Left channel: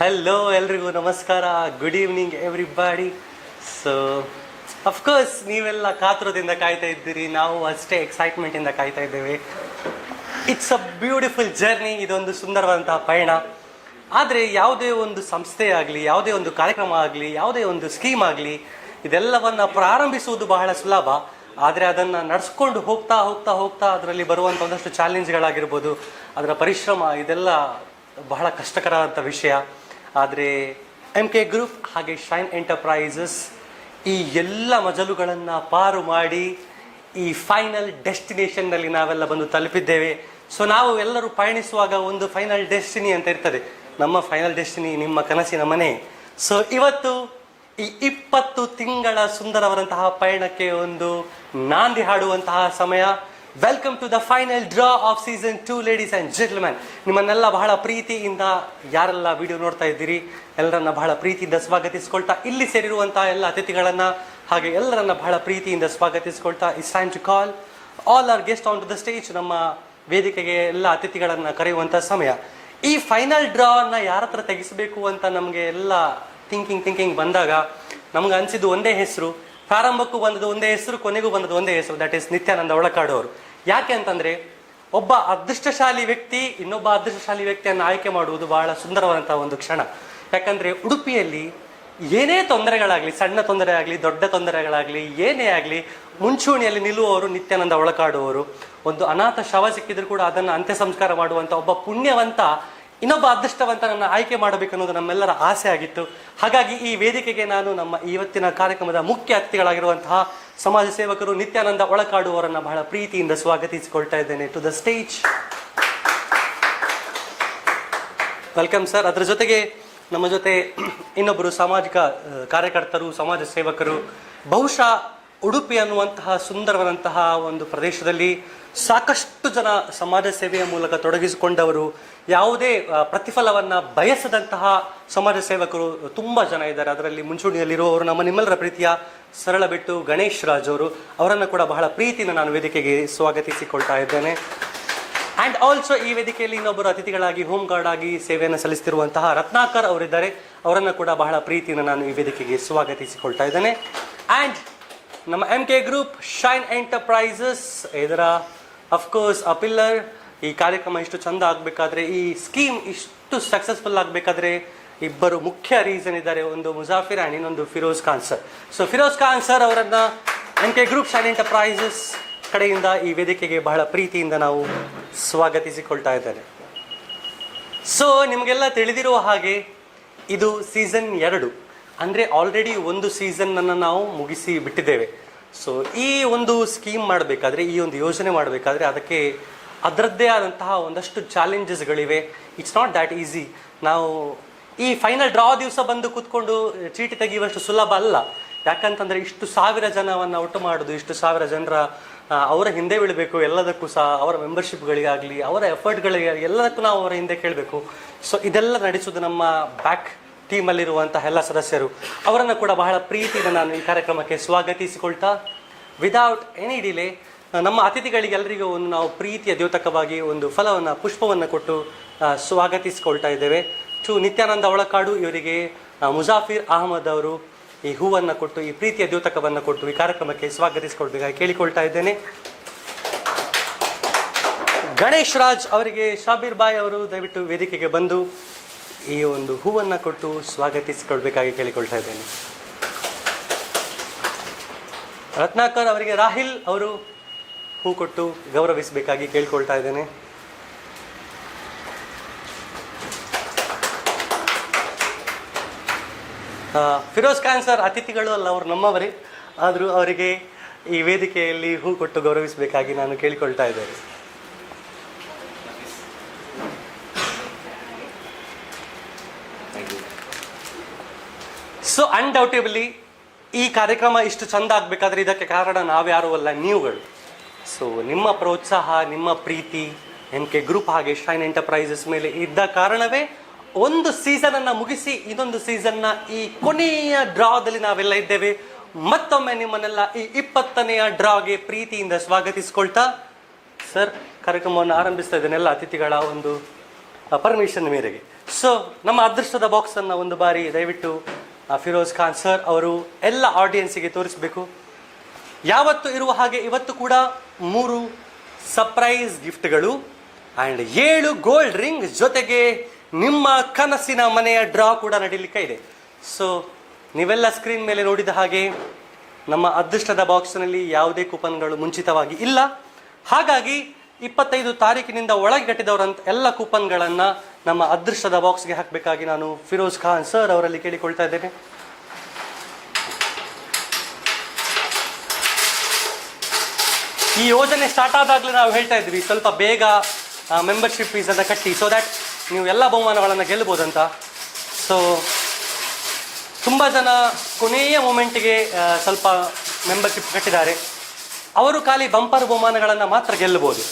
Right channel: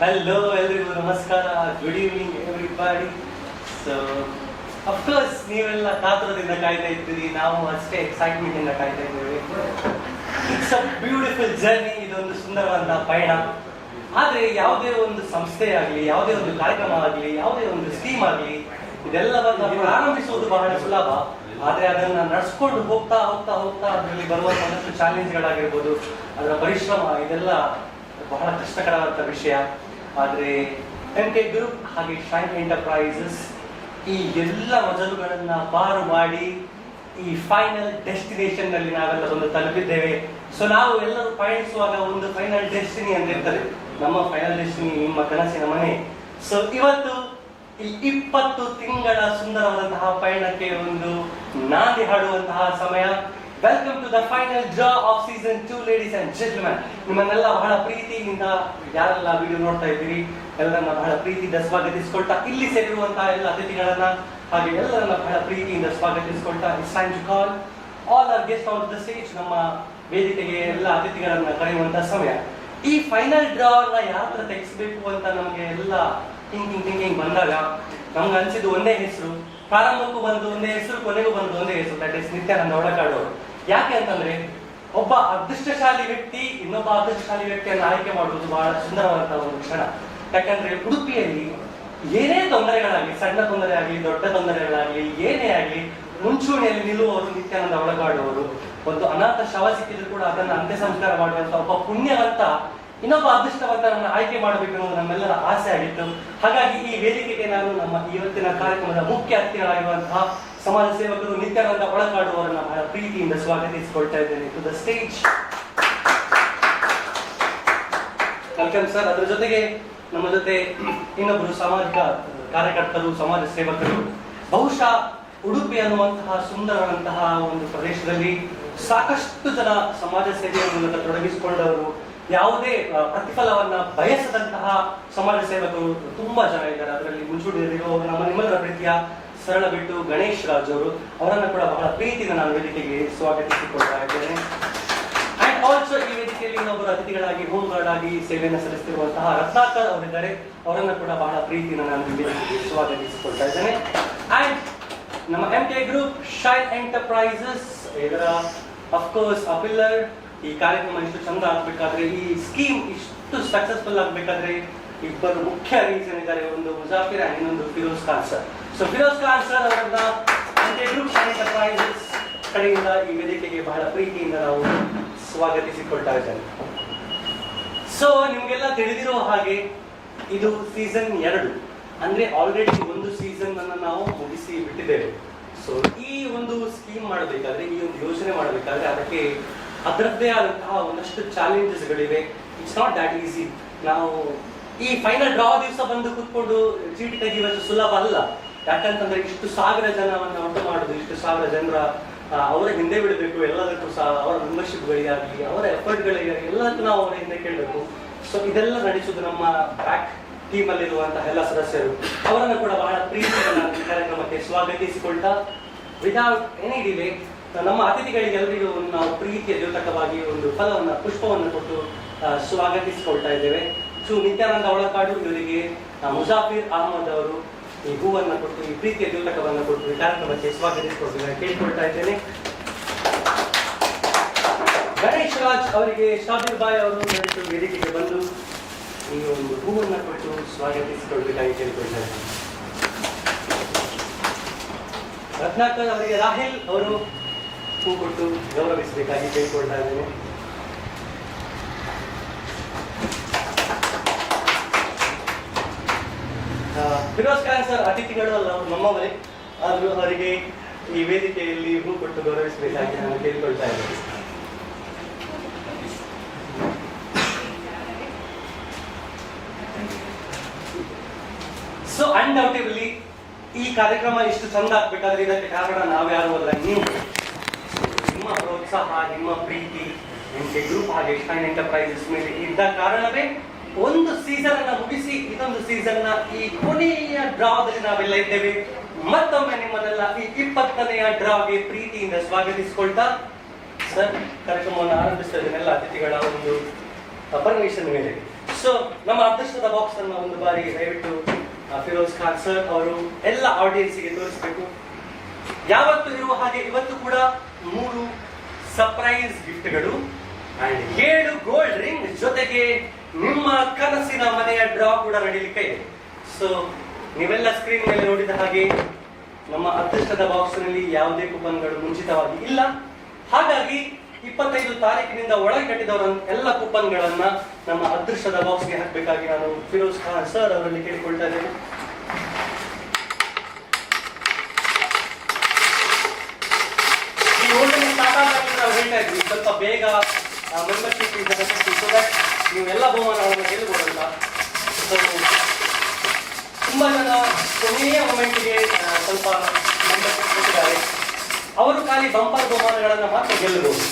Hello ಎಲ್ರಿಗೂ ನಮಸ್ಕಾರ, good evening everybody. So of course ನೀವೆಲ್ಲ ಕಾತುರದಿಂದ ಕಾಯ್ತಾ ಇದ್ದೀರಿ, ನಾವು ಅಷ್ಟೇ ಎಕ್ಸೈಟ್ಮೆಂಟ್ ಇಂದ ಕಾಯ್ತಾ ಇದ್ದೇವೆ. ಇಟ್ಸ್ ಅ ಬ್ಯೂಟಿಫುಲ್ ಜರ್ನಿ, ಇದೊಂದು ಸುಂದರವಾದಂತಹ ಪಯಣ. ಆದರೆ ಯಾವುದೇ ಒಂದು ಸಂಸ್ಥೆ ಆಗಲಿ, ಯಾವುದೇ ಒಂದು ಕಾರ್ಯಕ್ರಮ ಆಗಲಿ, ಯಾವುದೇ ಒಂದು ಸ್ಕೀಮ್ ಆಗಲಿ, ಇದೆಲ್ಲವನ್ನ ಪ್ರಾರಂಭಿಸುವುದು ಬಹಳ ಸುಲಭ. ಆದರೆ ಅದನ್ನು ನಡೆಸ್ಕೊಂಡು ಹೋಗ್ತಾ ಹೋಗ್ತಾ ಹೋಗ್ತಾ ಅದರಲ್ಲಿ ಬರುವಂಥ ಒಂದಷ್ಟು ಚಾಲೆಂಜ್ಗಳಾಗಿರ್ಬೋದು, ಅದರ ಪರಿಶ್ರಮ, ಇದೆಲ್ಲ ಬಹಳ ಕಷ್ಟಕರವಾದ ವಿಷಯ. ಆದರೆ MK ಗ್ರೂಪ್ ಹಾಗೆ ಶೈನ್ ಎಂಟರ್ಪ್ರೈಸಸ್ ಈ ಎಲ್ಲ ಮಜಲುಗಳನ್ನು ಪಾರು ಮಾಡಿ ಈ ಫೈನಲ್ ಡೆಸ್ಟಿನೇಷನ್ನಲ್ಲಿ ನಾವೆಲ್ಲ ಬಂದು ತಲುಪಿದ್ದೇವೆ. ಸೊ ನಾವು ಎಲ್ಲರೂ ಪಯಣಿಸುವಾಗ ಒಂದು ಫೈನಲ್ ಡೆಸ್ಟಿನಿ ಅಂತ ಇರ್ತದೆ. ನಮ್ಮ ಫೈನಲ್ ಡೆಸ್ಟಿನಿ ನಿಮ್ಮ ಕನಸಿನ ಮನೆ. ಸೊ ಇವತ್ತು ಈ 20 ತಿಂಗಳ ಸುಂದರವಾದಂತಹ ಪಯಣಕ್ಕೆ ಒಂದು ನಾಂದಿ ಹಾಡುವಂತಹ ಸಮಯ. Welcome to the final draw of season 2 ladies and gentlemen. ನಿಮ್ಮನ್ನೆಲ್ಲ ಬಹಳ ಪ್ರೀತಿಯಿಂದ, ಯಾರೆಲ್ಲ ವಿಡಿಯೋ ನೋಡ್ತಾ ಇದ್ದೀರಿ ಎಲ್ಲರನ್ನ ಬಹಳ ಪ್ರೀತಿಯಿಂದ ಸ್ವಾಗತಿಸಿಕೊಳ್ತಾ, ಇಲ್ಲಿ ಸೇರಿರುವಂತಹ ಎಲ್ಲ ಅತಿಥಿಗಳನ್ನ ಹಾಗೆ ಎಲ್ಲರನ್ನ ಬಹಳ ಪ್ರೀತಿಯಿಂದ ಸ್ವಾಗತಿಸಿಕೊಳ್ತಾ, it's time to call all our guest on to the stage. ನಮ್ಮ ವೇದಿಕೆಗೆ ಎಲ್ಲ ಅತಿಥಿಗಳನ್ನ ಕರೆಯುವಂತಹ ಸಮಯ. ಈ ಫೈನಲ್ ಡ್ರಾನ ಯಾರ ಹತ್ರ ತೆಗೆಸಬೇಕು ಅಂತ ನಮಗೆ ಎಲ್ಲ ಥಿಂಕಿಂಗ್ ಬಂದಾಗ ನಮ್ಗೆ ಅನ್ಸಿದ್ದು ಒಂದೇ ಹೆಸರು. ಪ್ರಾರಂಭಕ್ಕೂ ಬಂದದ್ದು ಒಂದೇ ಹೆಸರು, ಕೊನೆಗೂ ಬಂದದ್ದು ಒಂದೇ ಹೆಸರು, ದಟ್ ಇಸ್ ನಿತ್ಯಾನಂದ ಒಳಕಾಡು ಅವರು. ಯಾಕೆ ಅಂತಂದ್ರೆ ಒಬ್ಬ ಅದೃಷ್ಟಶಾಲಿ ವ್ಯಕ್ತಿ ಇನ್ನೊಬ್ಬ ಅದೃಷ್ಟಶಾಲಿ ವ್ಯಕ್ತಿಯನ್ನು ಆಯ್ಕೆ ಮಾಡುವುದು ಬಹಳ ಸುಂದರವಾದಂತಹ ಒಂದು ಕ್ಷಣ. ಯಾಕಂದ್ರೆ ಉಡುಪಿಯಲ್ಲಿ ಏನೇ ತೊಂದರೆಗಳಾಗ್ಲಿ, ಸಣ್ಣ ತೊಂದರೆ ಆಗಲಿ, ದೊಡ್ಡ ತೊಂದರೆಗಳಾಗ್ಲಿ, ಏನೇ ಆಗಲಿ, ಮುಂಚೂಣಿಯಲ್ಲಿ ನಿಲ್ಲುವವರು ನಿತ್ಯಾನಂದ ಒಳಕಾಡುವವರು. ಒಂದು ಅನಾಥ ಶವ ಸಿಕ್ಕಿದ್ರು ಕೂಡ ಅದನ್ನು ಅಂತ್ಯ ಸಂಸ್ಕಾರ ಮಾಡುವಂತ ಒಬ್ಬ ಪುಣ್ಯವಂತ ಇನ್ನೊಬ್ಬ ಅದೃಷ್ಟವಂತನನ್ನು ಆಯ್ಕೆ ಮಾಡಬೇಕು ಅನ್ನೋದು ನಮ್ಮೆಲ್ಲರ ಆಸೆ ಆಗಿತ್ತು. ಹಾಗಾಗಿ ಈ ವೇದಿಕೆಗೆ ನಾನು ನಮ್ಮ ಇವತ್ತಿನ ಕಾರ್ಯಕ್ರಮದ ಮುಖ್ಯ ಅತಿಥಿಗಳಾಗಿರುವಂತಹ ಸಮಾಜ ಸೇವಕರು ನಿತ್ಯಾನಂದ ಒಳಕಾಡು ಅವರನ್ನು ಬಹಳ ಪ್ರೀತಿಯಿಂದ ಸ್ವಾಗತಿಸಿಕೊಳ್ತಾ ಇದ್ದೇನೆ to the stage. Welcome sir. ಅದರ ಜೊತೆಗೆ ನಮ್ಮ ಜೊತೆ ಇನ್ನೊಬ್ಬರು ಸಾಮಾಜಿಕ ಕಾರ್ಯಕರ್ತರು, ಸಮಾಜ ಸೇವಕರು. ಬಹುಶಃ ಉಡುಪಿ ಅನ್ನುವಂತಹ ಸುಂದರವಾದಂತಹ ಒಂದು ಪ್ರದೇಶದಲ್ಲಿ ಸಾಕಷ್ಟು ಜನ ಸಮಾಜ ಸೇವೆಯ ಮೂಲಕ ತೊಡಗಿಸಿಕೊಂಡವರು, ಯಾವುದೇ ಪ್ರತಿಫಲವನ್ನ ಬಯಸದಂತಹ ಸಮಾಜ ಸೇವಕರು ತುಂಬಾ ಜನ ಇದ್ದಾರೆ. ಅದರಲ್ಲಿ ಮುಂಚೂಣಿಯಲ್ಲಿರುವವರು ನಿಮ್ಮೆಲ್ಲರ ಪ್ರೀತಿಯ ಸರಳ ಬಿಟ್ಟು ಗಣೇಶ್ ರಾಜ್ ಅವರು. ಅವರನ್ನು ಕೂಡ ಬಹಳ ಪ್ರೀತಿಯಿಂದ ನಾನು ವೇದಿಕೆಗೆ ಸ್ವಾಗತಿಸಿಕೊಳ್ತಾ ಇದ್ದೇನೆ. ಅಂಡ್ ಆಲ್ಸೋ ಈ ವೇದಿಕೆಯಲ್ಲಿ ಇನ್ನೊಬ್ಬರು ಅತಿಥಿಗಳಾಗಿ ಹೋಮ್ ಗಾರ್ಡ್ ಆಗಿ ಸೇವೆಯನ್ನು ಸಲ್ಲಿಸುತ್ತಿರುವಂತಹ ರತ್ನಾಕರ್ ಅವರಿದ್ದಾರೆ. ಅವರನ್ನು ಕೂಡ ಬಹಳ ಪ್ರೀತಿಯಿಂದ ನಾನು ಈ ವೇದಿಕೆಗೆ ಸ್ವಾಗತಿಸಿಕೊಳ್ತಾ ಇದ್ದೇನೆ. ಅಂಡ್ ನಮ್ಮ MK ಗ್ರೂಪ್ ಶೈನ್ ಎಂಟರ್ಪ್ರೈಸಸ್, ಇದರ ಅಫ್ಕೋರ್ಸ್ ಆ ಪಿಲ್ಲರ್. ಈ ಕಾರ್ಯಕ್ರಮ ಇಷ್ಟು ಚಂದ ಆಗಬೇಕಾದ್ರೆ, ಈ ಸ್ಕೀಮ್ ಇಷ್ಟು ಸಕ್ಸಸ್ಫುಲ್ ಆಗಬೇಕಾದ್ರೆ ಇಬ್ಬರು ಮುಖ್ಯ ರೀಸನ್ ಇದ್ದಾರೆ. ಒಂದು ಮುಜಾಫಿರ್ ಅಂಡ್ ಇನ್ನೊಂದು Feroz Khan sir. So Feroz Khan sir ಅವರನ್ನ MK ಗ್ರೂಪ್ ಶೈನ್ ಎಂಟರ್ಪ್ರೈಸಸ್ ಕಡೆಯಿಂದ ಈ ವೇದಿಕೆಗೆ ಬಹಳ ಪ್ರೀತಿಯಿಂದ ನಾವು ಸ್ವಾಗತಿಸಿಕೊಳ್ತಾ ಇದ್ದೇವೆ. ಸೊ ನಿಮಗೆಲ್ಲ ತಿಳಿದಿರುವ ಹಾಗೆ ಇದು ಸೀಸನ್ 2. ಅಂದರೆ ಆಲ್ರೆಡಿ ಒಂದು ಸೀಸನ್ ಅನ್ನು ನಾವು ಮುಗಿಸಿ ಬಿಟ್ಟಿದ್ದೇವೆ. ಸೊ ಈ ಒಂದು ಸ್ಕೀಮ್ ಮಾಡಬೇಕಾದ್ರೆ, ಈ ಒಂದು ಯೋಜನೆ ಮಾಡಬೇಕಾದ್ರೆ ಅದಕ್ಕೆ ಅದರದ್ದೇ ಆದಂತಹ ಒಂದಷ್ಟು ಚಾಲೆಂಜಸ್ಗಳಿವೆ. It's not that easy. ನಾವು ಈ ಫೈನಲ್ ಡ್ರಾ ದಿವಸ ಬಂದು ಕೂತ್ಕೊಂಡು ಚೀಟಿ ತೆಗೆಯುವಷ್ಟು ಸುಲಭ ಅಲ್ಲ. ಯಾಕಂತಂದ್ರೆ ಇಷ್ಟು ಸಾವಿರ ಜನವನ್ನು ಒಟ್ಟು ಮಾಡೋದು, ಇಷ್ಟು ಸಾವಿರ ಜನರ ಅವರ ಹಿಂದೆ ಬಿಡಬೇಕು. ಎಲ್ಲದಕ್ಕೂ ಸಹ ಅವರ ಮೆಂಬರ್ಶಿಪ್ಗಳಿಗಾಗಲಿ, ಅವರ ಎಫರ್ಟ್ಗಳಿಗಾಗಲಿ, ಎಲ್ಲದಕ್ಕೂ ನಾವು ಅವರ ಹಿಂದೆ ಕೇಳಬೇಕು. ಸೊ ಇದೆಲ್ಲ ನಡೆಸೋದು ನಮ್ಮ ಬ್ಯಾಕ್ ಟೀಮಲ್ಲಿರುವಂತಹ ಎಲ್ಲ ಸದಸ್ಯರು. ಅವರನ್ನು ಕೂಡ ಬಹಳ ಪ್ರೀತಿಯಿಂದ ನಾನು ಈ ಕಾರ್ಯಕ್ರಮಕ್ಕೆ ಸ್ವಾಗತಿಸಿಕೊಳ್ತಾ, ವಿದೌಟ್ ಎನಿ ಡಿಲೇ ನಮ್ಮ ಅತಿಥಿಗಳಿಗೆಲ್ಲರಿಗೂ ನಾವು ಪ್ರೀತಿಯ ದ್ಯೋತಕವಾಗಿ ಒಂದು ಫಲವನ್ನು, ಪುಷ್ಪವನ್ನು ಕೊಟ್ಟು ಸ್ವಾಗತಿಸಿಕೊಳ್ತಾ ಇದ್ದೇವೆ. ನಿತ್ಯಾನಂದ ಒಳಕಾಡು ಇವರಿಗೆ ಮುಜಾಫಿರ್ ಅಹಮದ್ ಅವರು ಈ ಹೂವನ್ನು ಕೊಟ್ಟು, ಈ ಪ್ರೀತಿಯ ದ್ಯೋತಕವನ್ನು ಕೊಟ್ಟು ಈ ಕಾರ್ಯಕ್ರಮಕ್ಕೆ ಸ್ವಾಗತಿಸಿಕೊಳ್ಬೇಕಾಗಿ ಕೇಳಿಕೊಳ್ತಾ ಇದ್ದೇನೆ. ಗಣೇಶ್ ರಾಜ್ ಅವರಿಗೆ ಶಾಬೀರ್ ಬಾಯ್ ಅವರು ದಯವಿಟ್ಟು ವೇದಿಕೆಗೆ ಬಂದು ಈ ಒಂದು ಹೂವನ್ನು ಕೊಟ್ಟು ಸ್ವಾಗತಿಸಿಕೊಳ್ಬೇಕಾಗಿ ಕೇಳಿಕೊಳ್ತಾ ಇದ್ದೇನೆ. ರತ್ನಾಕರ್ ಅವರಿಗೆ ರಾಹಿಲ್ ಅವರು ಹೂ ಕೊಟ್ಟು ಗೌರವಿಸಬೇಕಾಗಿ ಕೇಳಿಕೊಳ್ತಾ ಇದ್ದೇನೆ. ಫಿರೋಜ್ ಖಾನ್ ಸರ್ ಅತಿಥಿಗಳು ಅಲ್ಲ, ಅವರು ನಮ್ಮವರೇ, ಆದರೂ ಅವರಿಗೆ ಈ ವೇದಿಕೆಯಲ್ಲಿ ಹೂ ಕೊಟ್ಟು ಗೌರವಿಸಬೇಕಾಗಿ ನಾನು ಕೇಳಿಕೊಳ್ತಾ ಇದ್ದೇನೆ. ಸೊ ಅನ್ಡೌಟೇಬಲಿ ಈ ಕಾರ್ಯಕ್ರಮ ಇಷ್ಟು ಚಂದ ಆಗ್ಬೇಕಾದ್ರೆ ಇದಕ್ಕೆ ಕಾರಣ ನಾವ್ಯಾರು ಅಲ್ಲ, ನೀವುಗಳು. ಸೊ ನಿಮ್ಮ ಪ್ರೋತ್ಸಾಹ, ನಿಮ್ಮ ಪ್ರೀತಿ MK ಗ್ರೂಪ್ ಹಾಗೆ ಶೈನ್ ಎಂಟರ್ಪ್ರೈಸಸ್ ಮೇಲೆ ಇದ್ದ ಕಾರಣವೇ ಒಂದು ಸೀಸನ್ ಅನ್ನ ಮುಗಿಸಿ ಇದೊಂದು ಸೀಸನ್ ನ ಈ ಕೊನೆಯ ಡ್ರಾದಲ್ಲಿ ನಾವೆಲ್ಲ ಇದ್ದೇವೆ. ಮತ್ತೊಮ್ಮೆ ನಿಮ್ಮನ್ನೆಲ್ಲ ಈ 20ನೇ ಡ್ರಾಗೆ ಪ್ರೀತಿಯಿಂದ ಸ್ವಾಗತಿಸಿಕೊಳ್ತಾ ಸರ್ ಕಾರ್ಯಕ್ರಮವನ್ನು ಆರಂಭಿಸ್ತಾ ಇದ್ದೇನೆ ಎಲ್ಲ ಅತಿಥಿಗಳ ಒಂದು ಪರ್ಮಿಷನ್ ಮೇರೆಗೆ. ಸೊ ನಮ್ಮ ಅದೃಷ್ಟದ ಬಾಕ್ಸ್ ಅನ್ನ ಒಂದು ಬಾರಿ ದಯವಿಟ್ಟು ಫಿರೋಜ್ ಖಾನ್ ಸರ್ ಅವರು ಎಲ್ಲ ಆಡಿಯನ್ಸ್ಗೆ ತೋರಿಸಬೇಕು. ಯಾವತ್ತು ಇರುವ ಹಾಗೆ ಇವತ್ತು ಕೂಡ 3 ಸರ್ಪ್ರೈಸ್ ಗಿಫ್ಟ್ಗಳು ಅಂಡ್ 7 ಗೋಲ್ಡ್ ರಿಂಗ್ ಜೊತೆಗೆ ನಿಮ್ಮ ಕನಸಿನ ಮನೆಯ ಡ್ರಾ ಕೂಡ ನಡೀಲಿಕ್ಕೆ ಇದೆ. ಸೊ ನೀವೆಲ್ಲ ಸ್ಕ್ರೀನ್ ಮೇಲೆ ನೋಡಿದ ಹಾಗೆ ನಮ್ಮ ಅದೃಷ್ಟದ ಬಾಕ್ಸ್ನಲ್ಲಿ ಯಾವುದೇ ಕೂಪನ್ಗಳು ಮುಂಚಿತವಾಗಿ ಇಲ್ಲ. ಹಾಗಾಗಿ 25 ತಾರೀಕಿನಿಂದ ಒಳಗೆ ಕಟ್ಟಿದವರ ಎಲ್ಲ ಕೂಪನ್ಗಳನ್ನ ನಮ್ಮ ಅದೃಷ್ಟದ ಬಾಕ್ಸ್ಗೆ ಹಾಕಬೇಕಾಗಿ ನಾನು ಫಿರೋಜ್ ಖಾನ್ ಸರ್ ಅವರಲ್ಲಿ ಕೇಳಿಕೊಳ್ತಾ ಇದ್ದೇನೆ. ಈ ಯೋಜನೆ ಸ್ಟಾರ್ಟ್ ಆದಾಗಲೂ ನಾವು ಹೇಳ್ತಾ ಇದ್ವಿ ಸ್ವಲ್ಪ ಬೇಗ ಮೆಂಬರ್ಶಿಪ್ ಫೀಸನ್ನು ಕಟ್ಟಿ, ಸೊ ದ್ಯಾಟ್ ನೀವು ಎಲ್ಲ ಬಹುಮಾನಗಳನ್ನು ಗೆಲ್ಲಬಹುದಂತ. ಸೊ ತುಂಬ ಜನ ಕೊನೆಯ ಮೊಮೆಂಟಿಗೆ ಸ್ವಲ್ಪ ಮೆಂಬರ್ಶಿಪ್ ಕಟ್ಟಿದ್ದಾರೆ. ಅವರು ಖಾಲಿ ಬಂಪರ್ ಬಹುಮಾನಗಳನ್ನು ಮಾತ್ರ ಗೆಲ್ಲಬಹುದು.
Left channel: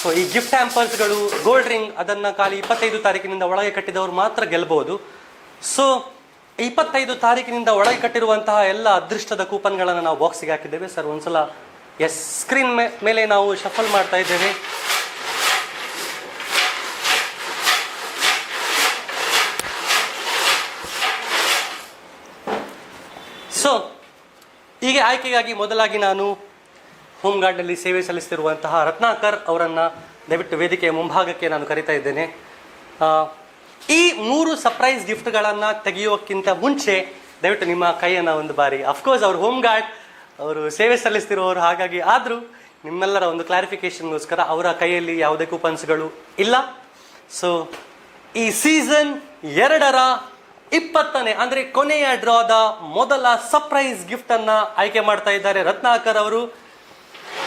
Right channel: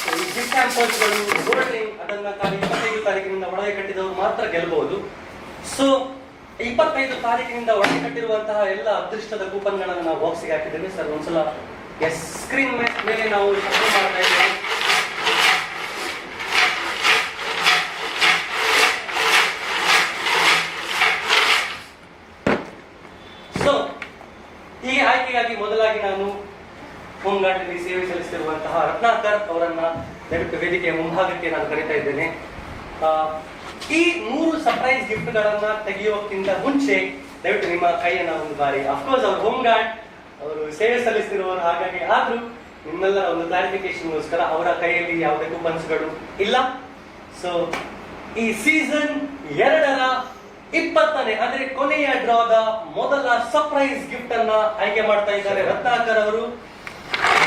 ಸೊ ಈ ಗಿಫ್ಟ್ ಹ್ಯಾಂಪರ್ಸ್ಗಳು, ಗೋಲ್ಡ್ ರಿಂಗ್ ಅದನ್ನು ಖಾಲಿ 25 ತಾರೀಕಿನಿಂದ ಒಳಗೆ ಕಟ್ಟಿದವರು ಮಾತ್ರ ಗೆಲ್ಲಬಹುದು. ಸೊ 25 ತಾರೀಕಿನಿಂದ ಒಳಗೆ ಕಟ್ಟಿರುವಂತಹ ಎಲ್ಲ ಅದೃಷ್ಟದ ಕೂಪನ್ಗಳನ್ನು ನಾವು ಬಾಕ್ಸಿಗೆ ಹಾಕಿದ್ದೇವೆ. ಸರ್ ಒಂದ್ಸಲ ಸ್ಕ್ರೀನ್ ಮೇಲೆ ನಾವು ಶಫಲ್ ಮಾಡ್ತಾ ಇದ್ದೇವೆ. ಸೊ ಹೀಗೆ ಆಯ್ಕೆಗಾಗಿ ಮೊದಲಾಗಿ ನಾನು ಹೋಮ್ ಗಾರ್ಡ್ನಲ್ಲಿ ಸೇವೆ ಸಲ್ಲಿಸುತ್ತಿರುವಂತಹ ರತ್ನಾಕರ್ ಅವರನ್ನ ದಯವಿಟ್ಟು ವೇದಿಕೆಯ ಮುಂಭಾಗಕ್ಕೆ ನಾನು ಕರೀತಾ ಇದ್ದೇನೆ. ಈ 3 ಸರ್ಪ್ರೈಸ್ ಗಿಫ್ಟ್ಗಳನ್ನ ತೆಗೆಯೋಕ್ಕಿಂತ ಮುಂಚೆ ದಯವಿಟ್ಟು ನಿಮ್ಮ ಕೈಯನ್ನು ಒಂದು ಬಾರಿ, ಅಫ್ಕೋರ್ಸ್ ಅವರು ಹೋಮ್ ಗಾರ್ಡ್, ಅವರು ಸೇವೆ ಸಲ್ಲಿಸ್ತಿರುವವರು, ಹಾಗಾಗಿ ಆದರೂ ನಿಮ್ಮೆಲ್ಲರ ಒಂದು ಕ್ಲಾರಿಫಿಕೇಶನ್ಗೋಸ್ಕರ ಅವರ ಕೈಯಲ್ಲಿ ಯಾವುದೇ ಕೂಪನ್ಸ್ಗಳು ಇಲ್ಲ. ಸೊ ಈ ಸೀಸನ್ 2ರ 20ನೇ ಅಂದ್ರೆ ಕೊನೆಯ ಡ್ರಾದ ಮೊದಲ ಸರ್ಪ್ರೈಸ್ ಗಿಫ್ಟ್ ಅನ್ನ ಆಯ್ಕೆ ಮಾಡ್ತಾ ಇದ್ದಾರೆ ರತ್ನಾಕರ್ ಅವರು.